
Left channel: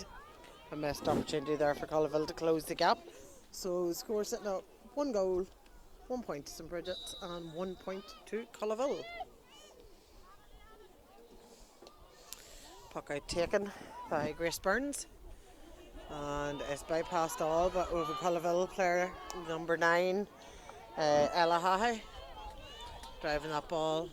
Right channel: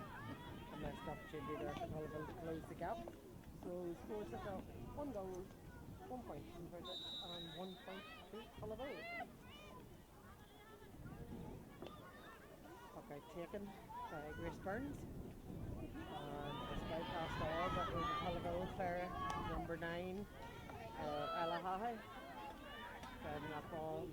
A missed opportunity there for Culloville to close the gap. So the score sitting at 1 goal, 1 point to St. Brigids and 1 point to Culloville. Puck out taken by Grace Burns, and it's bypassed all but over Culloville player number 9, Ella Hahe, driving that ball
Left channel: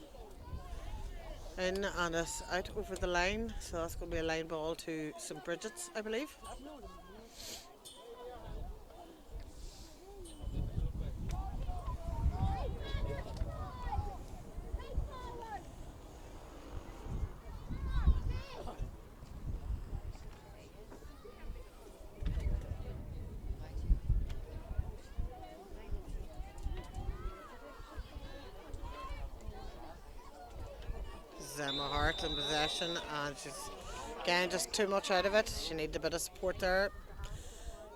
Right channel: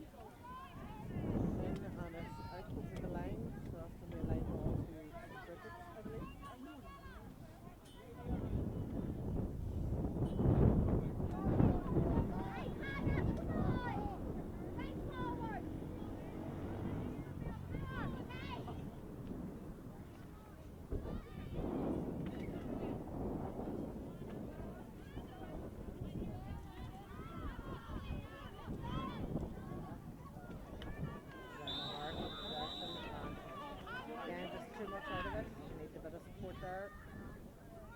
in, and it's out over the line, so that's going to be a line ball to St. Brigids, I believe. Emma Hart in possession, and she's getting just too much out of it. She needed a bit of support there.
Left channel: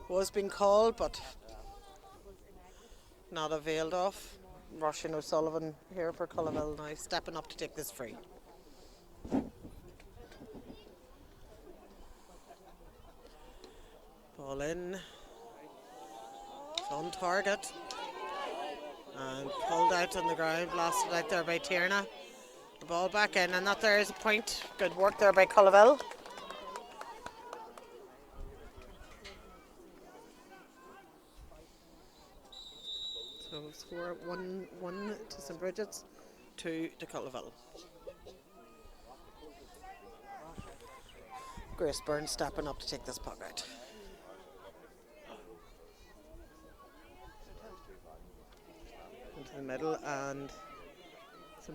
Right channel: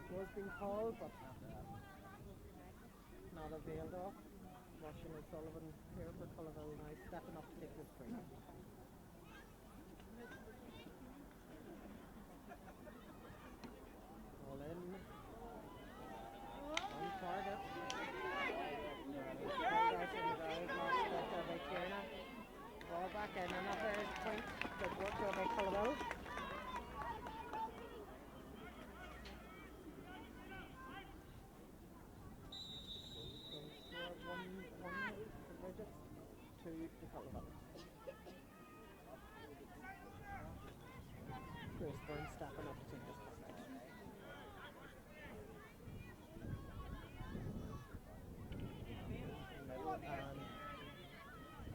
Was being called, but not availed of. Roisin O'Sullivan here for Culloville now, stepping up to take this free. Ball in. It's on target. And pulled out on the ground, blasted out there by Tierna. The ball back in, and that there is a point. Good work there by Culloville. So score 1-1 to St. Brigids, 2 to Culloville. Grace Burns stepping up to take this puck out.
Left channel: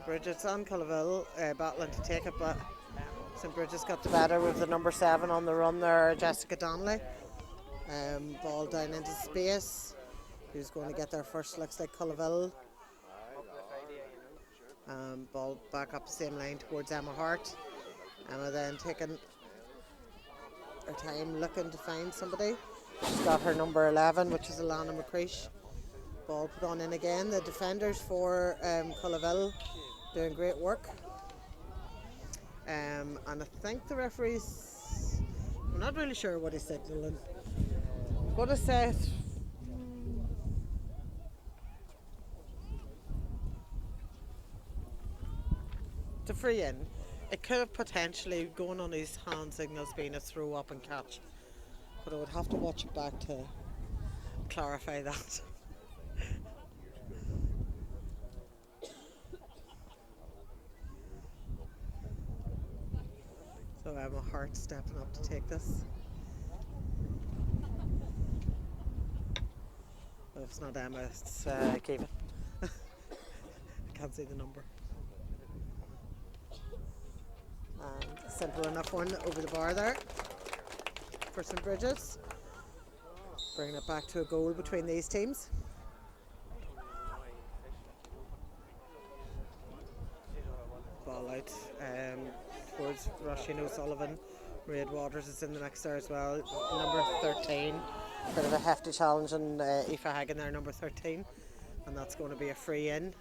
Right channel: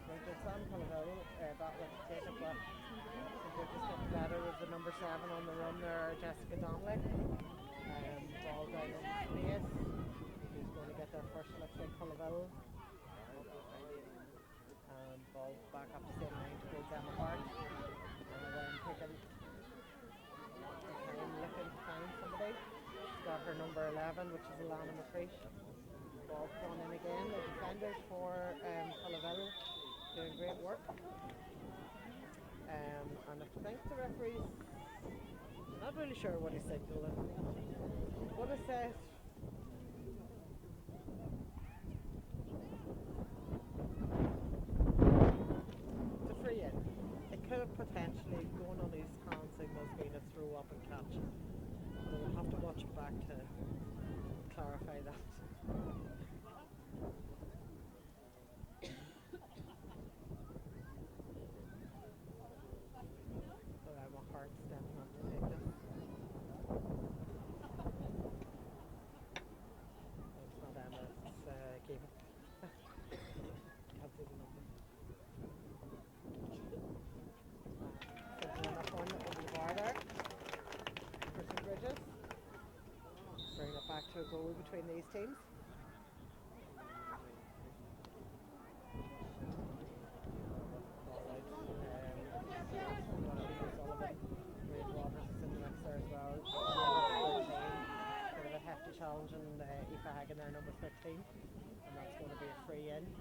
Brigids and Culloville battling to take it, but St. Brigids got the better with the number 7 on the run there, Jessica Donnelly. Ball down into space. Who's going to get there first? Looks like Culloville. Ball back up the same line towards Emma Hart. Emma then taking her time looking to find somebody. She's got her number 11, which is Alana McCreesh. Ball put on in again. The defenders for Culloville doing great work. And I think the referee's, I'm not really sure what he's signalling. What is that? It's a free in. It could have potentially, going on his hand signals, been a throw up and catch. But I would have to watch it back to clarify that. So Emma Hart stepping up to take this. But if it's not Emma, it's Kevin. Can't see the number. And simple enough one over the bar there for St. Brigids. Bringing it back to a goal between these teams. Ball out towards Roisin O'Sullivan. Red Waters is in the mix there as well. Number 13. Bit of a hefty challenge on Aoife Hagan there, number 13. And that's going to be a free in.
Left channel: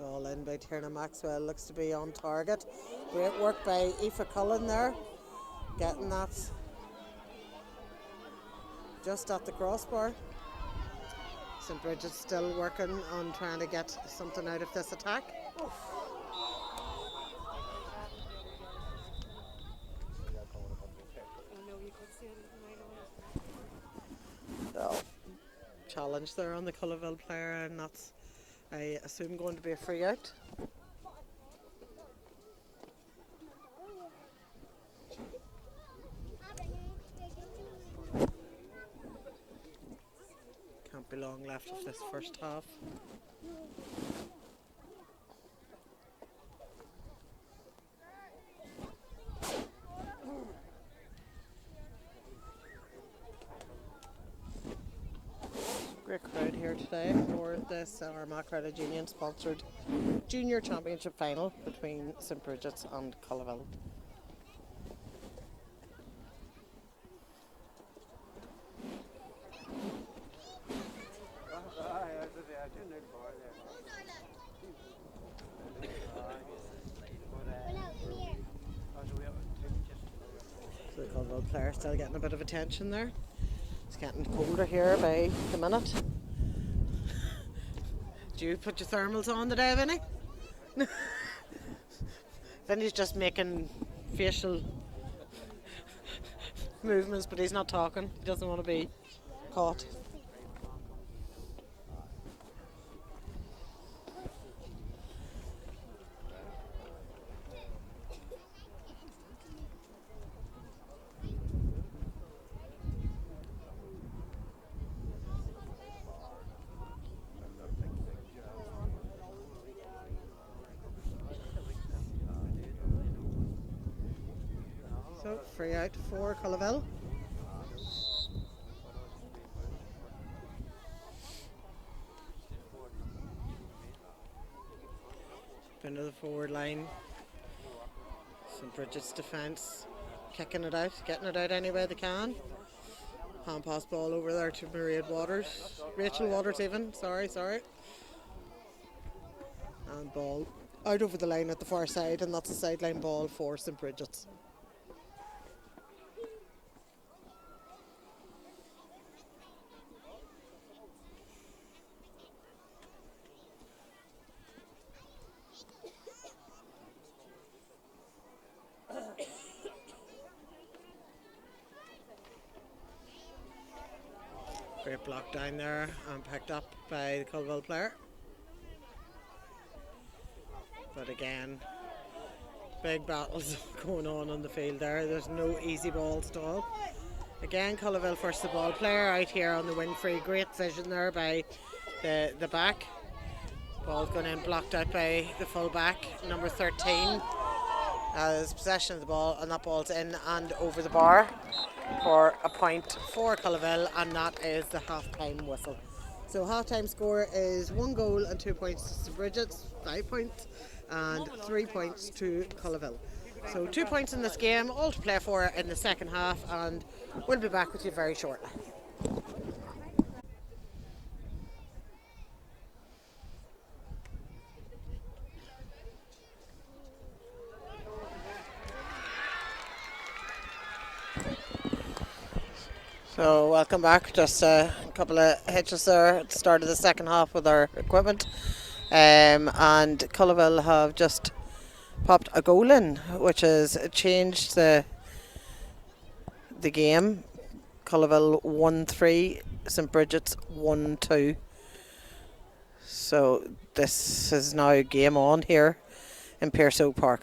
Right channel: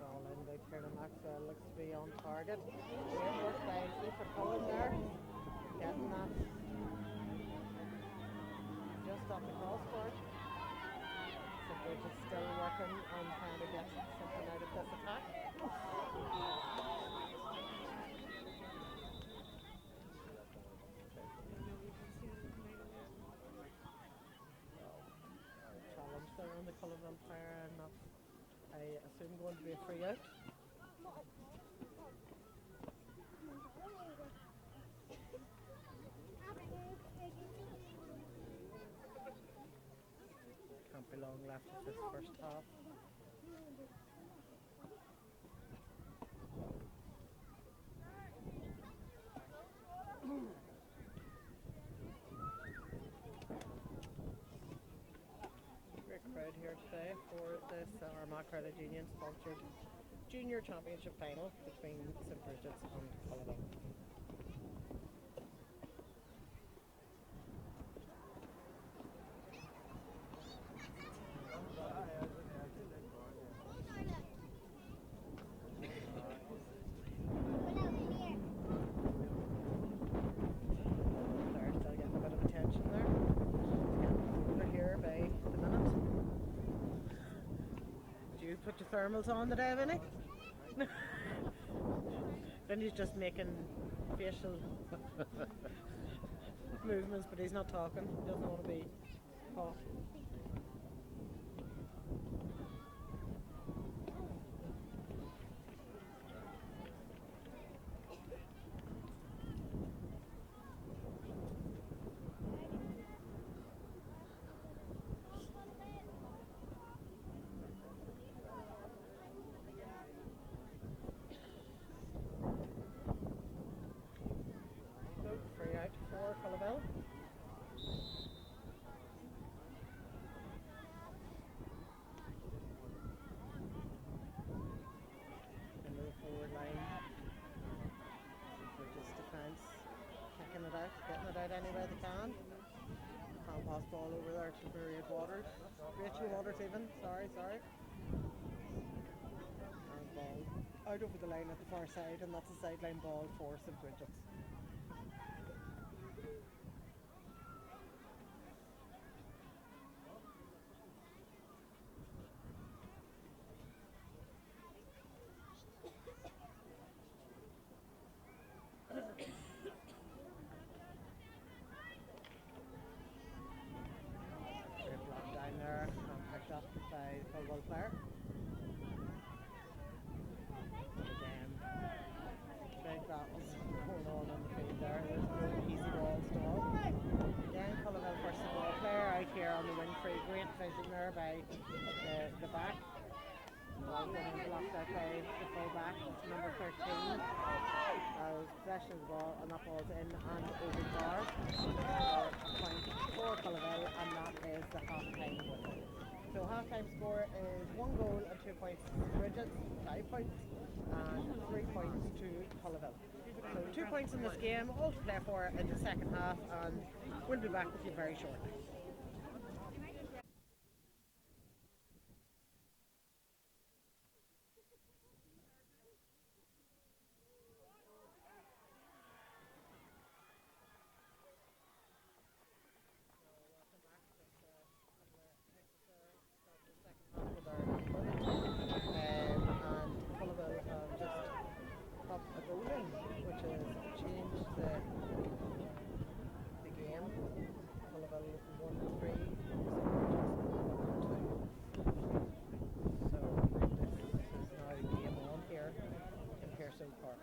Ball in by Tierna Maxwell, looks to be on target. Great work by Aoife Cullen there, getting that just at the crossbar. St. Brigids still working on trying to get something out of this attack. So, challenge there on the Culloville player, and that's, I assume, going to be a free out. Can't be long left of this first half. Great crowd here today for this Armagh Credit Union sponsored Junior Championship final between St. Brigids and Culloville. Claire still getting a bit of attention there. It's getting colder here by the minute. Do you put your thermals on today, Vinny? Vinny's just making facial movements, but he's not talking. He doesn't want to be caught. So, free out for Culloville. Into the forward line. St. Brigids defence, kicking it out, getting it out any way they can. Hand pass ball over there to Rachel Waters even, sorry. And ball out over the line at the far side, and that's a sideline ball for St. Brigids. Great block down there and picked up by the Culloville player. again, big battles going on the field there. There's no easy balls at all. Again, Culloville first the ball player out here on the wing free. Great vision there by the back. Ball's going in, blocked out by the full back, number 13. Has possession of the ball, and that ball's in and over the bar for a point for Culloville, and that is the half-time whistle. So half-time score is 1 goal and 2 points to Brigids, 5 points, and 3 points to Culloville. So 2 points in this game, all to play for in the second half, and we'll be back with you very shortly. So welcome back. Just a couple of hitches there at the start of the second half with our equipment, and Culloville have just popped a goal in, which has changed the game. Culloville 1-3, St Brigids 1-2. So this is now game on here in Pearso Park.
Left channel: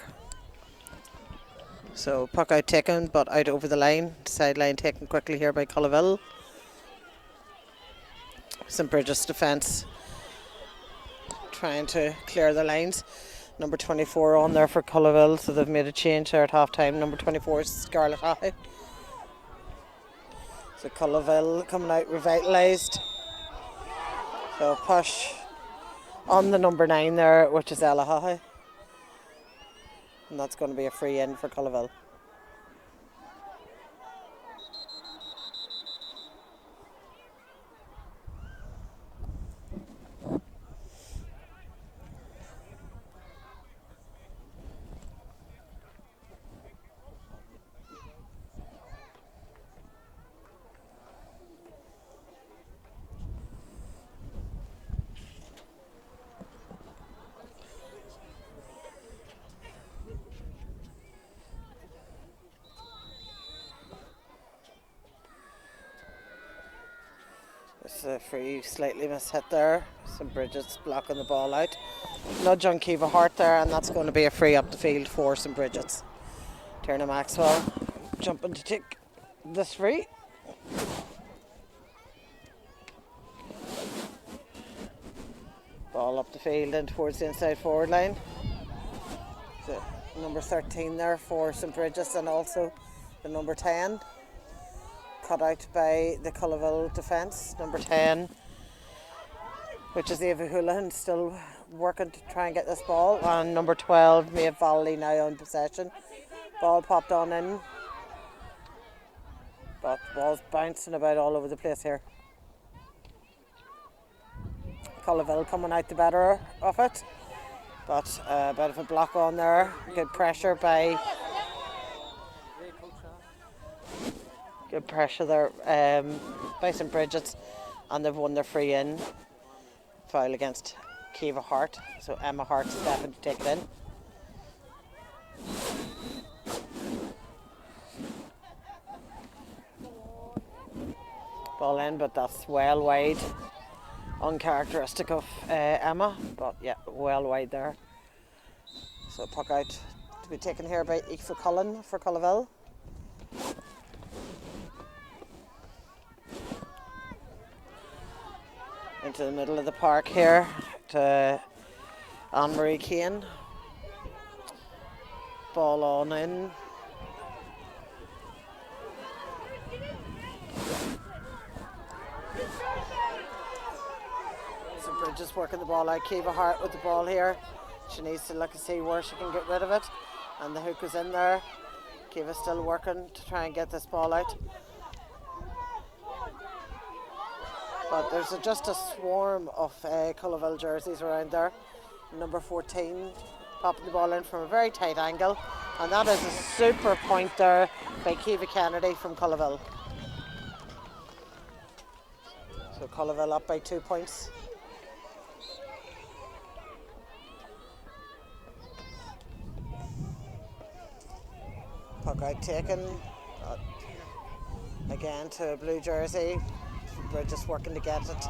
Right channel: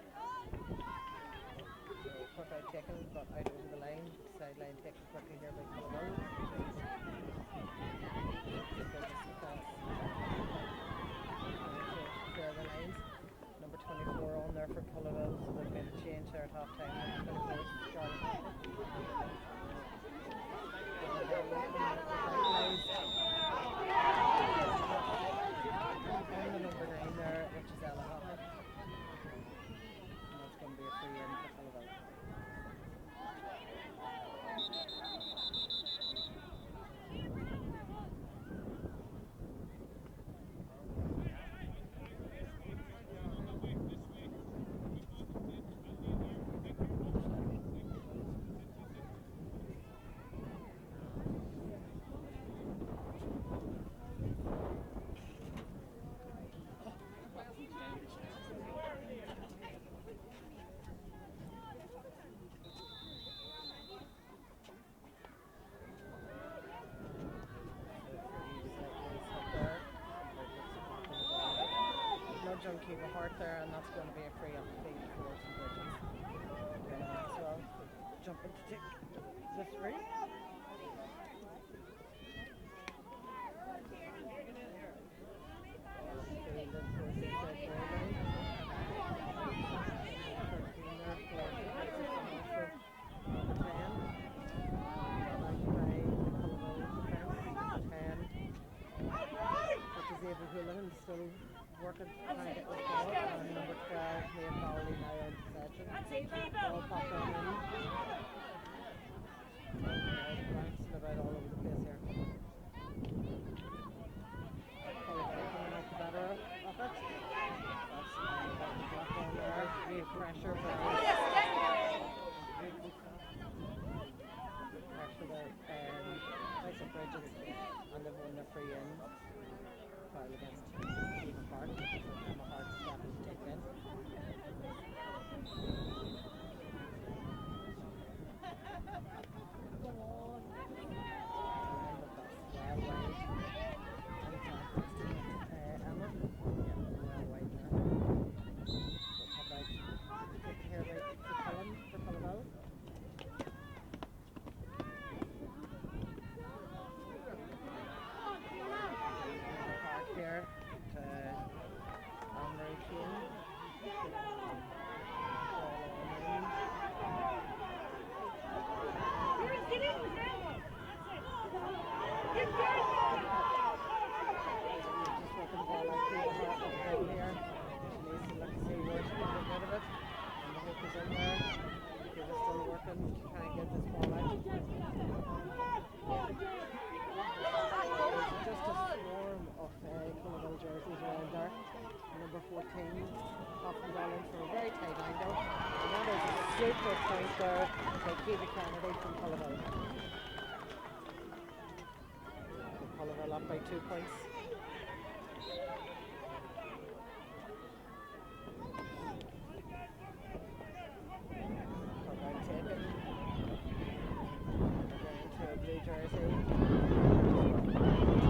So puck out taken, but out over the line. Sideline taken quickly here by Culloville. St Brigids defence trying to clear the lines. Number 24 on there for Culloville, so they've made a change there at half time. Number 24 is Scarlett High. So Culloville coming out revitalised. So push on the number 9 there, which is Ella High. And that's going to be a free in for Culloville. A free, slightly mishit there. St Brigids blocking the ball out. Nudge on Kiva Hart there, and that's going to be a free up the field for St Brigids. Tierna Maxwell jumping to take this free. Ball up the field and towards the inside forward line. The number 13 there for St Brigids, and also the number 10. Cut out by the Culloville defence, number 10, which is Ava Houlihan, still working to try and get this ball, and number 12, Maeve Valley, now on possession. Ball popped on in, but the ball's bouncing about all over the place here. Culloville coming out the better of it, but a bit of a block on there. Good pressure by there by St Brigids, and they've won their free in. Foul against Kiva Hart, so Emma Hart stepping to take it in. Ball in, but that's well wide. Uncharacteristic of Emma, but yeah, well wide there. So puck out to be taken here by Aoife Cullen for Culloville. Into the middle of the park here to Anne-Marie Kane. Ball on in. So Bridges working the ball out. Kiva Hart with the ball here. She needs to look and see where she can get rid of it. And the hook is in there. Kiva's still working to try and get this ball out. But there's just a swarm of Culloville jerseys around there. Number 14 popping the ball in from a very tight angle, and that is a super point there by Kiva Kennedy from Culloville. So Culloville up by 2 points. Puck out taken. Again to a blue jersey. We're just working to get it.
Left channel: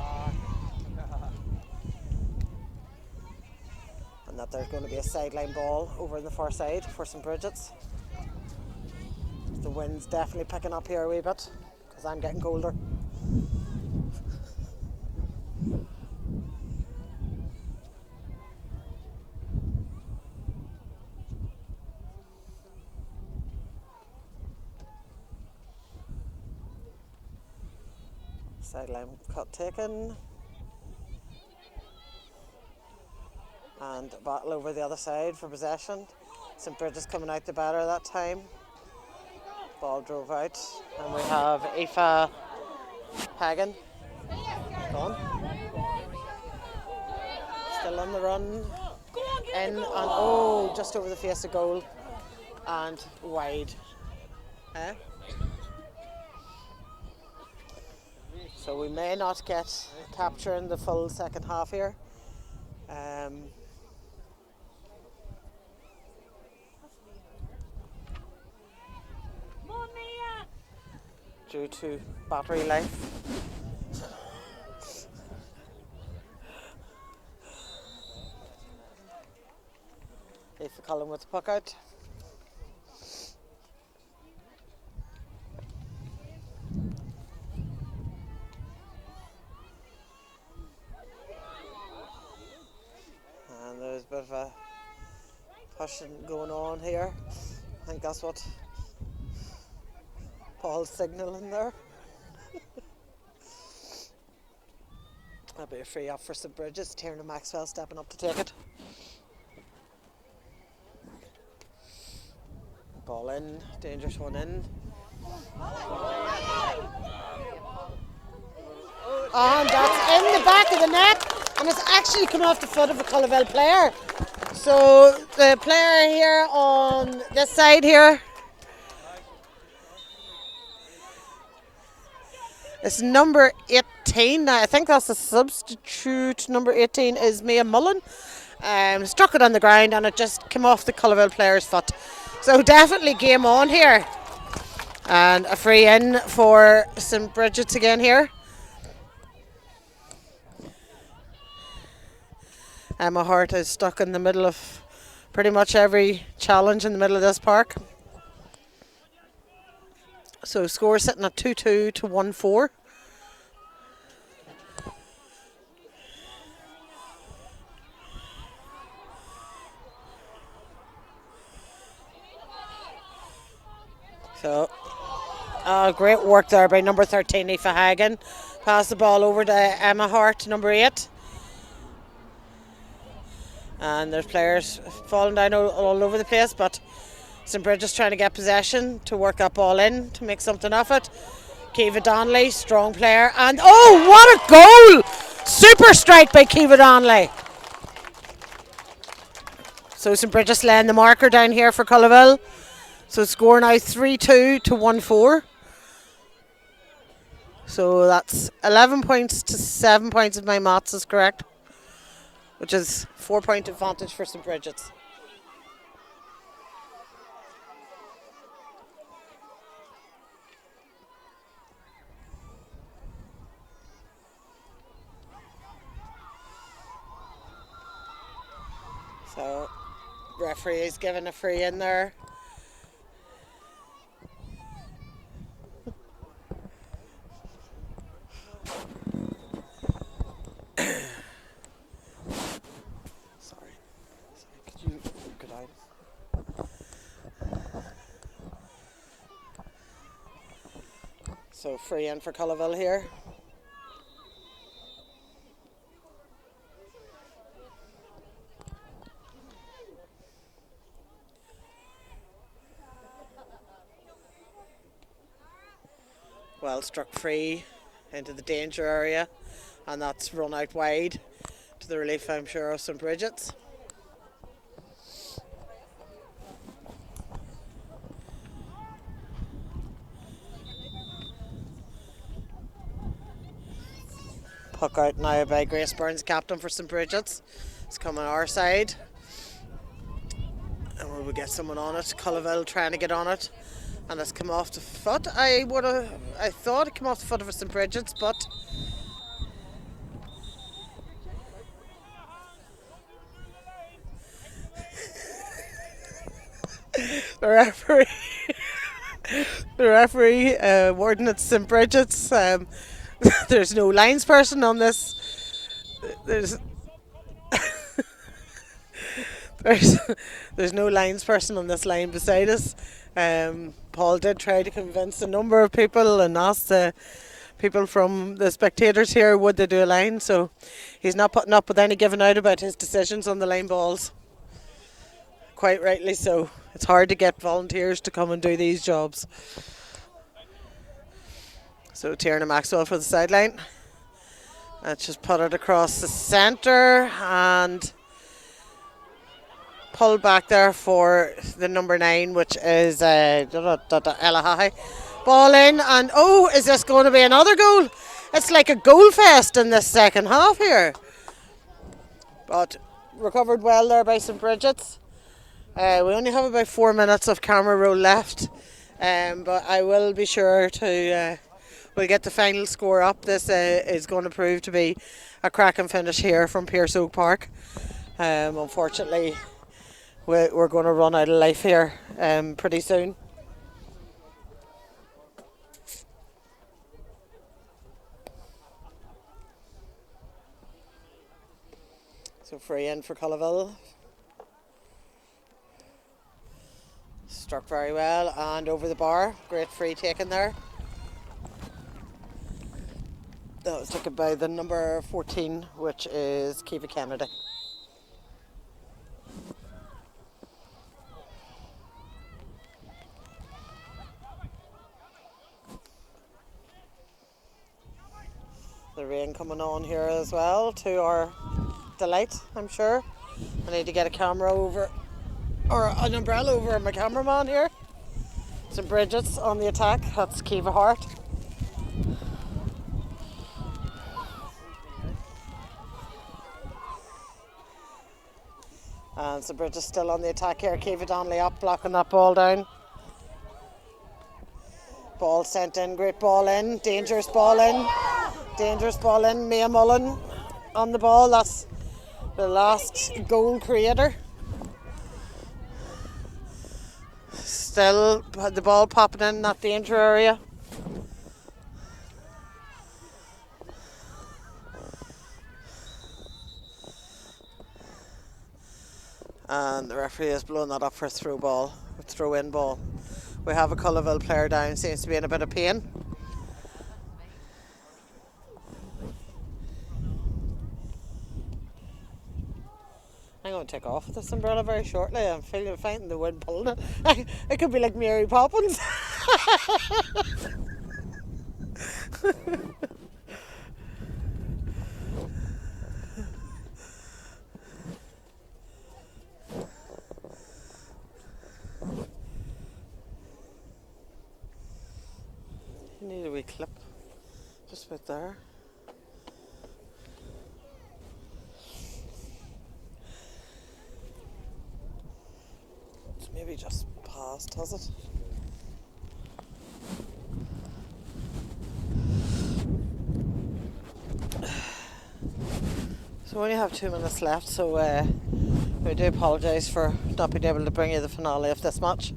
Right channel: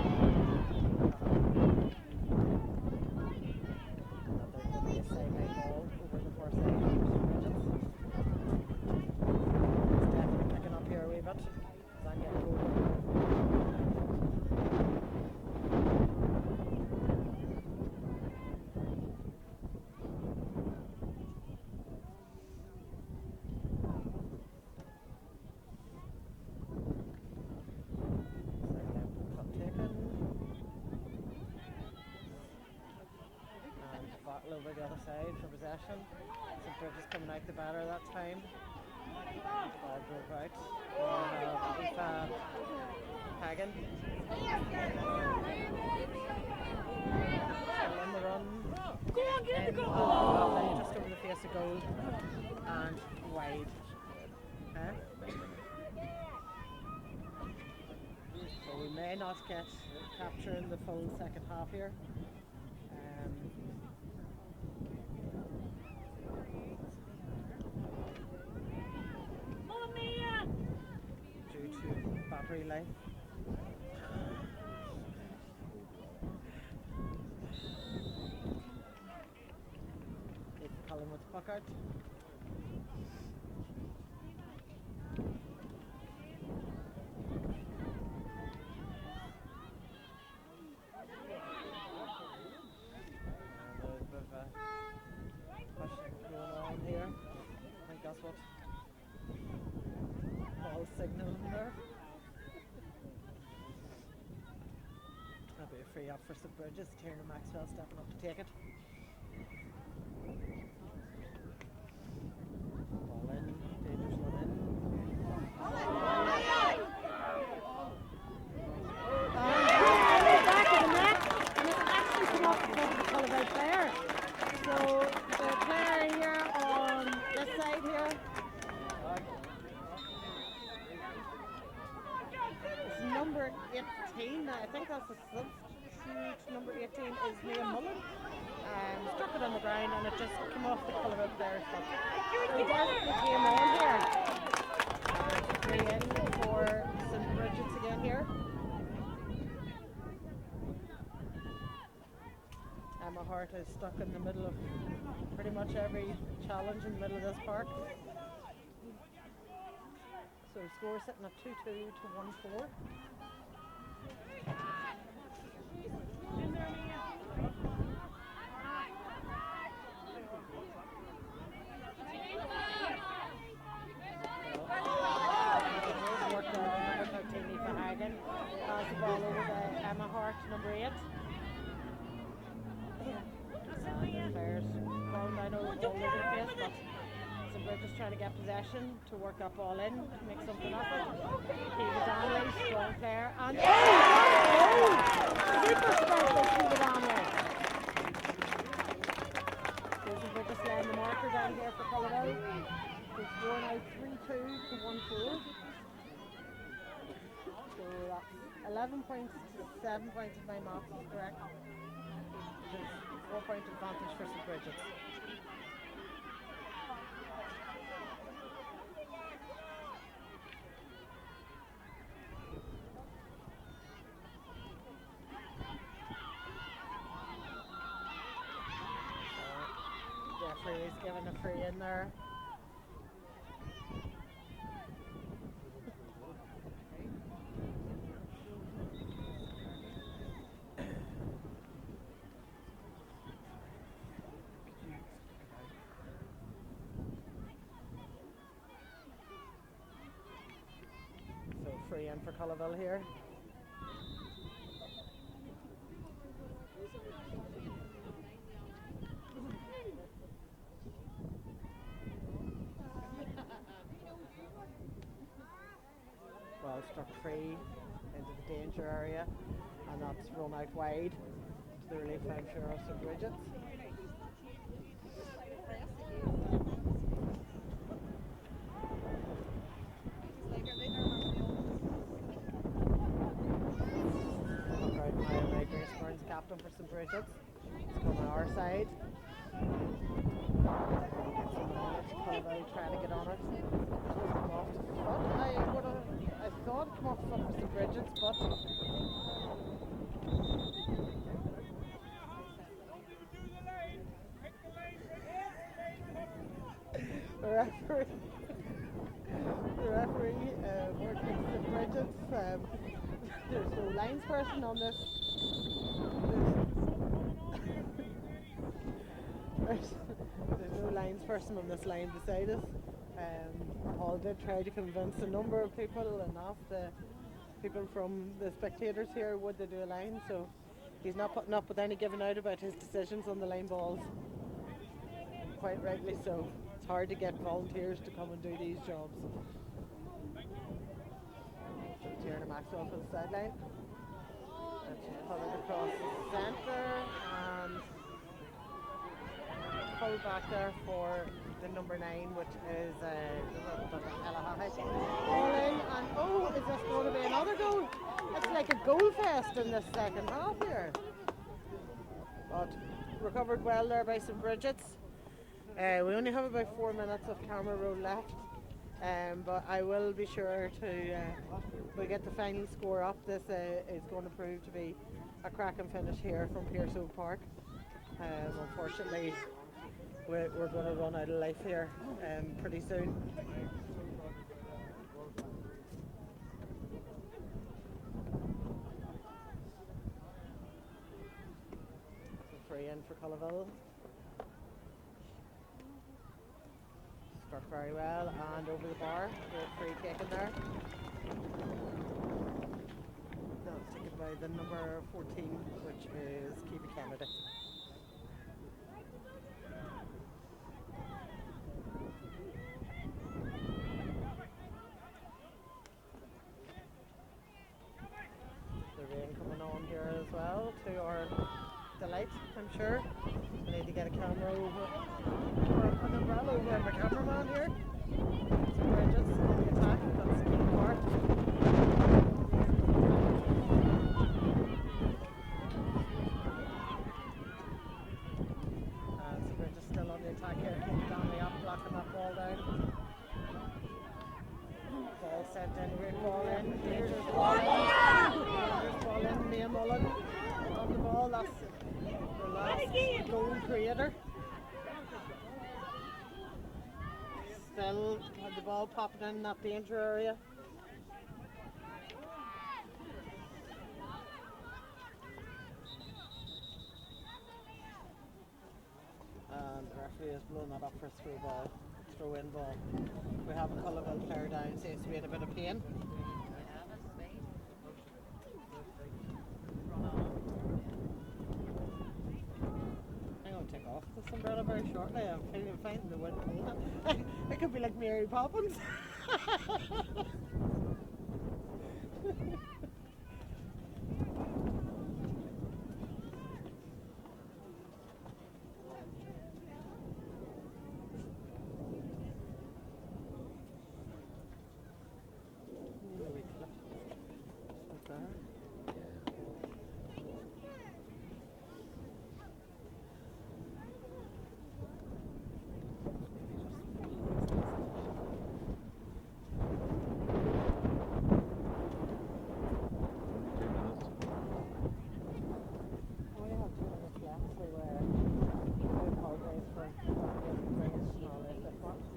And that But there's going to be a sideline ball over on the far side for St. Brigids. The wind's definitely picking up here a wee bit because I'm getting colder. Sideline cut taken. And a battle over the other side for possession. St. Brigids coming out the batter that time. Ball drove out. And we have Aoife Hagan. Gone. Still on the run. In and oh, just over the face of goal. And wide. Huh? So we may not get capture in the full second half here. Due to battery life. If Colin with the puck out. And there's a bit of a pushing going on here. I think that's what Paul's signalling there. That'll be a free up for St. Brigids. Tiernan Maxwell stepping up to take it. Ball in, dangerous one in. And that's in the back of the net, and it's actually come off the foot of a Culloville player. So the player here on this side here, it's number 18. Now, I think that's the substitute. Number 18 is Mia Mullen. Struck it on the ground and it just came off the Culloville player's foot. So definitely game on here. And a free in for St. Brigids again here. Emma Hart is stuck in the middle of pretty much every challenge in the middle of this park. So score sitting at 2-2 to 1-4. So great work there by number 13, Aoife Hagan. Pass the ball over to Emma Hart, number 8. And there's players falling down all over the place, but St. Brigids trying to get possession to work that ball in to make something of it. Kiva Donnelly, strong player, and oh, what a goal! Super strike by Kiva Donnelly. So St. Brigids laying the marker down here for Culloville. So score now 3-2 to 1-4. So that's 11 points to 7 points if my maths is correct, which is 4-point advantage for St. Brigids. So referee is giving a free in there. So free in for Culloville here. Well struck free into the danger area, and that's run out wide to the relief, I'm sure, of St. Brigids. Puck out now by Grace Burns, captain for St. Brigids. It's coming our side. And will we get someone on it? Culloville trying to get on it. And it's come off the foot. I thought it came off the foot of St. Brigids, but The referee, the referee, warden at St. Brigids. There's no lines person on this. There's there's there's no lines person on this line beside us. Paul did try to convince a number of people and ask the people from the spectators here would they do a line. So he's not putting up with any giving out about his decisions on the line balls. Quite rightly so. It's hard to get volunteers to come and do these jobs. So Tierna Maxwell for the sideline. Let's just put it across the centre and pull back there for the number 9, which is Ella. Ball in, and oh, is this going to be another goal? It's like a goal fest in this second half here. But recovered well there by St. Brigids. We only have about 4 minutes of camera roll left, but I will be sure to we'll get the final score up. This is going to prove to be a cracking finish here from Pierce Oak Park. Unfortunately, we're going to run out of life here pretty soon. So free in for Culloville. Struck very well and over the bar. Great free taken there. That was taken by the number 14, which is Kiva Kennedy. The rain coming on here as well, to our delight, I'm sure. I need to get a camera over, or an umbrella over my cameraman here. St. Brigids on the attack, that's Kiva Hart. And St. Brigids still on the attack here, Kiva Donnelly up, blocking that ball down. Ball sent in, great ball in, dangerous ball in. Dangerous ball in, Mia Mullen on the ball, that's the last goal creator. Still the ball popping in that danger area. And the referee has blown that up for a throw-in ball. We have a Culloville player down, seems to be in a bit of pain. I'm going to take off with this umbrella very shortly. I'm finding the wind pulling it. It could be like Mary Poppins. You need a wee clip just about there. Maybe just past, has it? So we only have 2 minutes left, so we do apologise for not being able to bring you the finale of this match.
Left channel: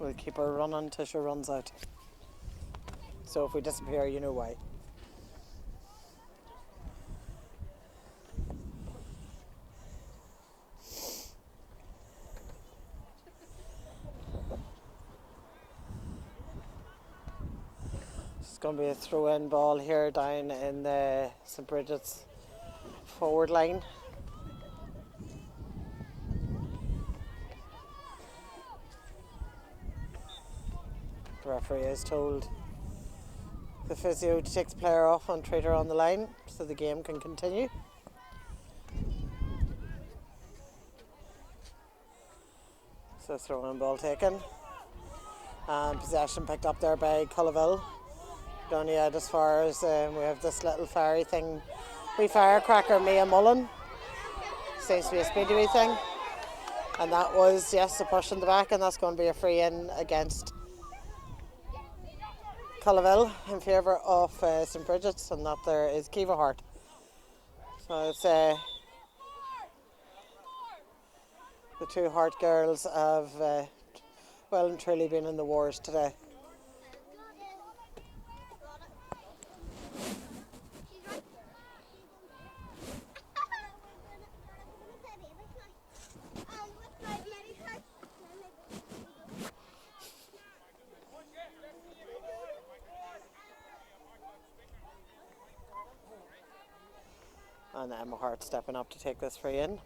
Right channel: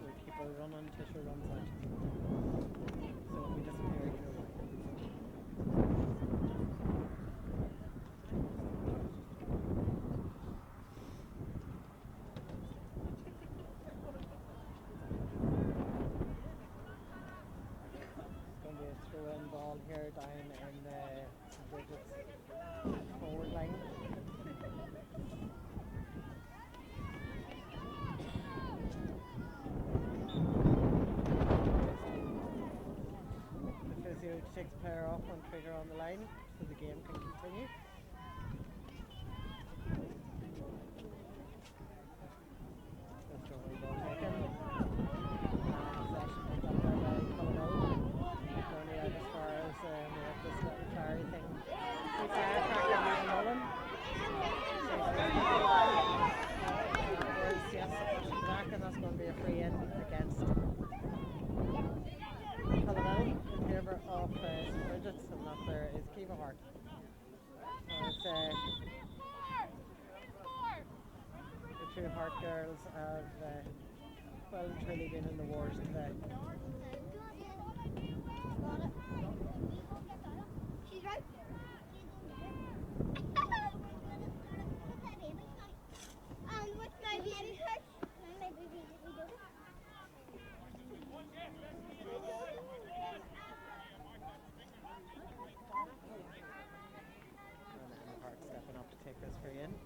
We'll keep her running until she runs out. So if we disappear, you know why. It's going to be a throw-in ball here down in the St. Brigids forward line. The referee is told the physio to take the player off and treat her on the line so the game can continue. So throw-in ball taken. And possession picked up there by Culloville. Down yet as far as we have this little fiery thing. Wee firecracker, Mia Mullen. Seems to be a speedy wee thing. And that was, yes, a push in the back, and that's going to be a free in against Culloville in favour of St Brigids, and that there is Kiva Hart. So it's the two Hart girls have well and truly been in the wars today. And Emma Hart stepping up to take this free in.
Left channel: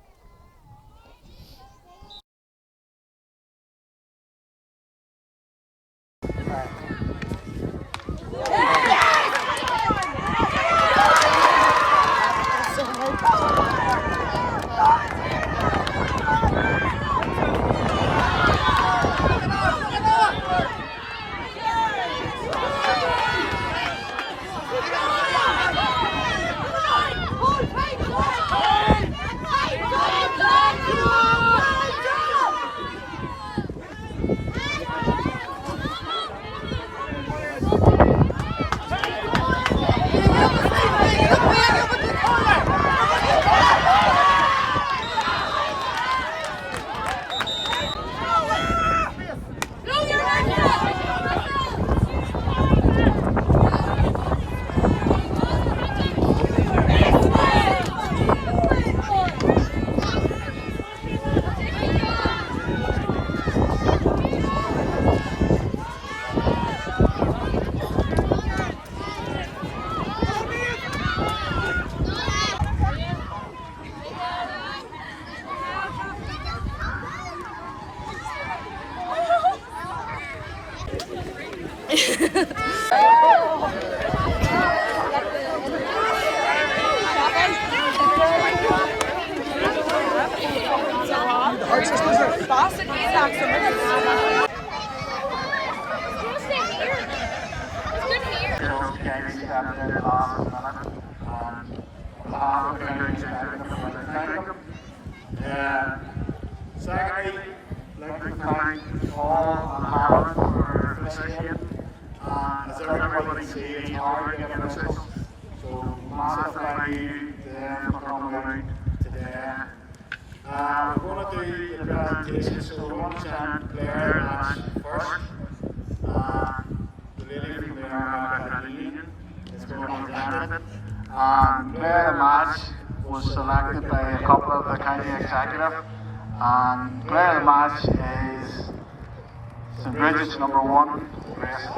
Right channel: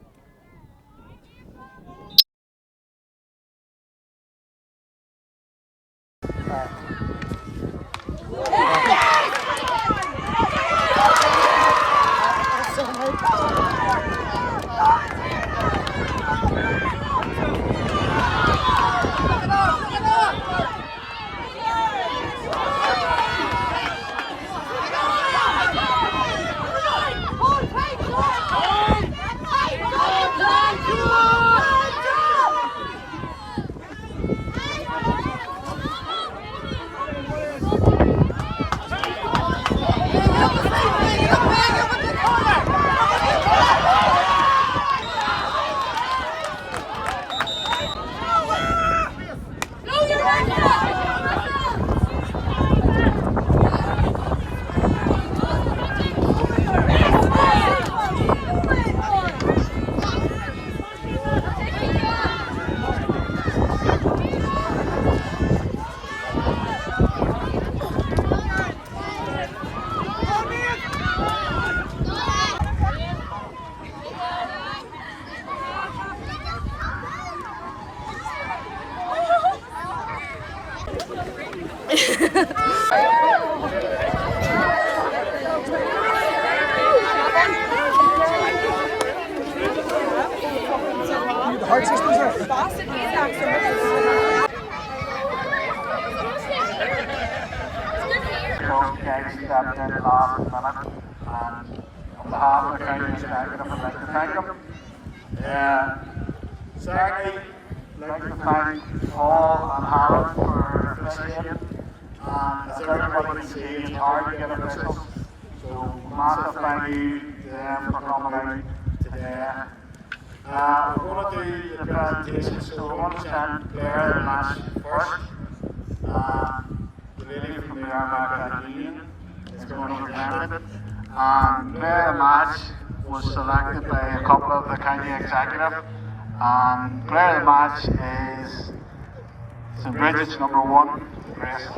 Secondly, I'd like to thank all on Armagh for officiating. As everybody can see, it's hard to get officials, so massive thank you to them for coming out today. We're going to do the presentation, so we're going to try and declare the match first. The lady from the Armagh Credit Union is going to present it. Player of the match was selected by a couple of the county executive. Player of the match is St Brigids number 1, Grace.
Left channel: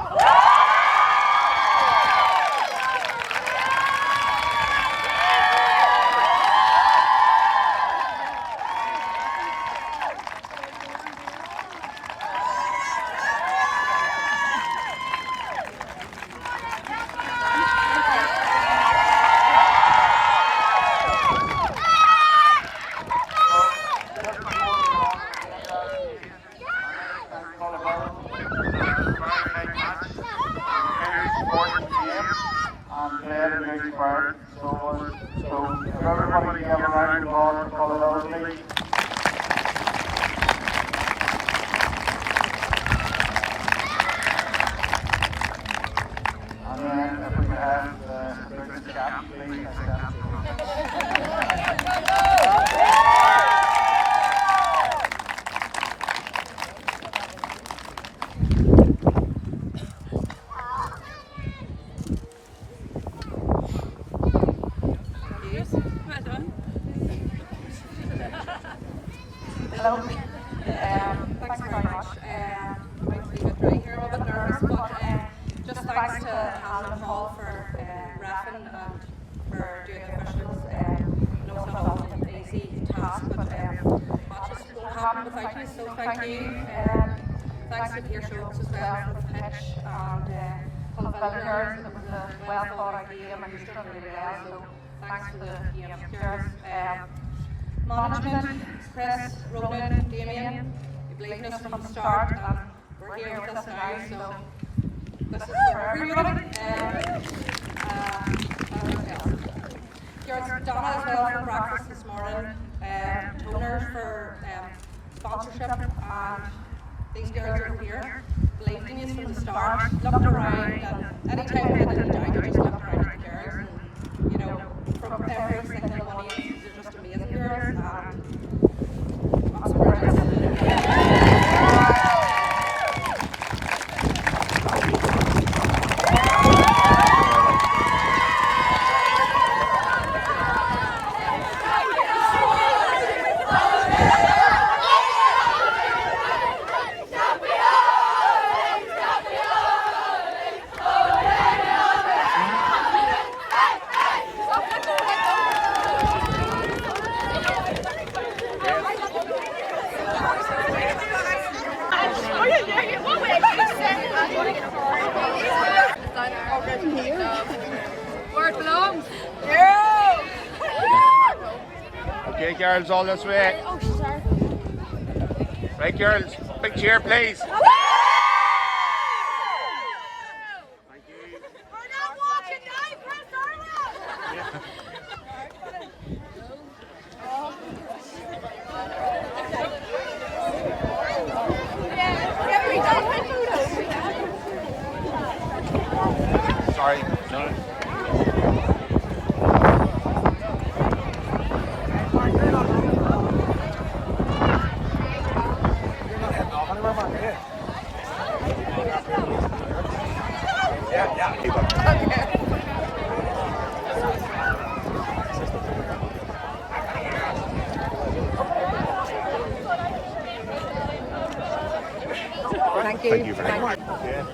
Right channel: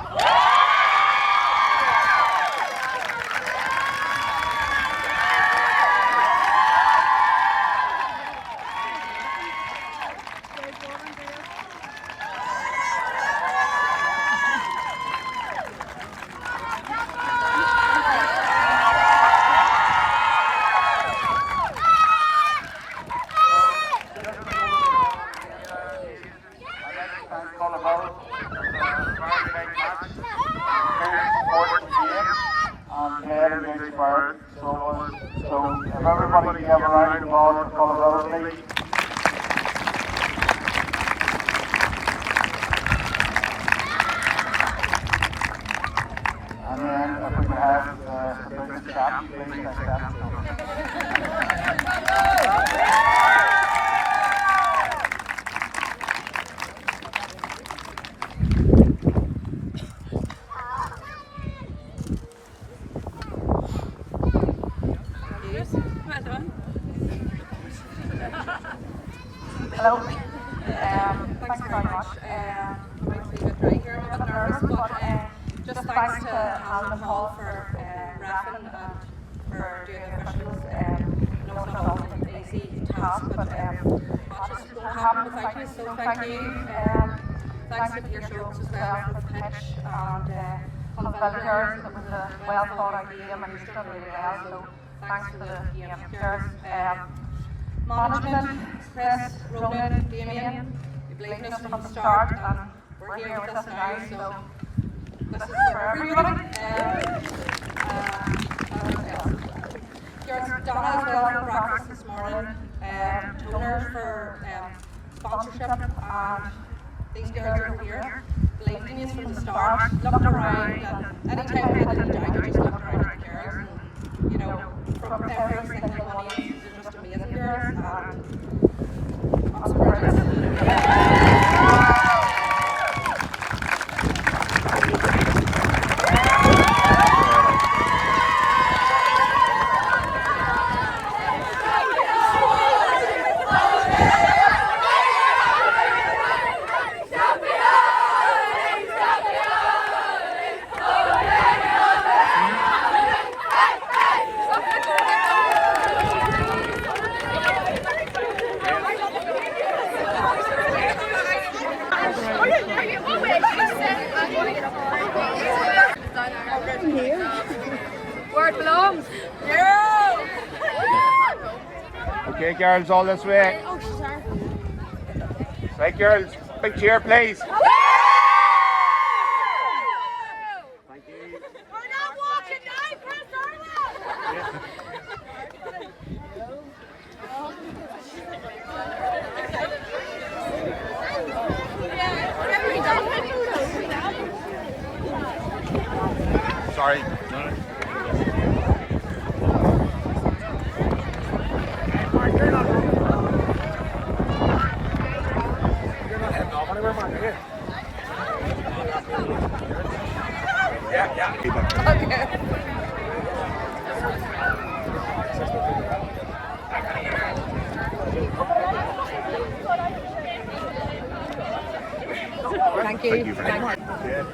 So everybody have a round of applause for Culloville. And then if we have the Brigids cap, please accept it. Well done. Hello. Thanks very much. I'm going to be a bit dry here. I'm a bit nervous, but just thanks to Hannah Hall for reffing and for doing the officials. I know it's not always an easy task, but matches don't happen without you, so thank you. Thanks to Peter Schultz as well for the pitch, and Culloville girls. It was a well thought out game and he's done really well, so thanks to the EMS girls. Management, Chris, Ronan, Damien, you believed in us from the start, and we're here with us now, so this is for everyone. Here's Donna as well for breakfast this morning, toners for sponsorship, and these girls over here. believed in you from the start, looked around, and anytime we had any doubt, you just looked around at the girls, and you know, from every single one of you, they're just amazing girls, and Where it belongs. Okay, girls, all this way. Right, girls, big cheer, please. We're not walking now, Prince Armagh. Sorry, no. thank you. Thank you very much. Yeah.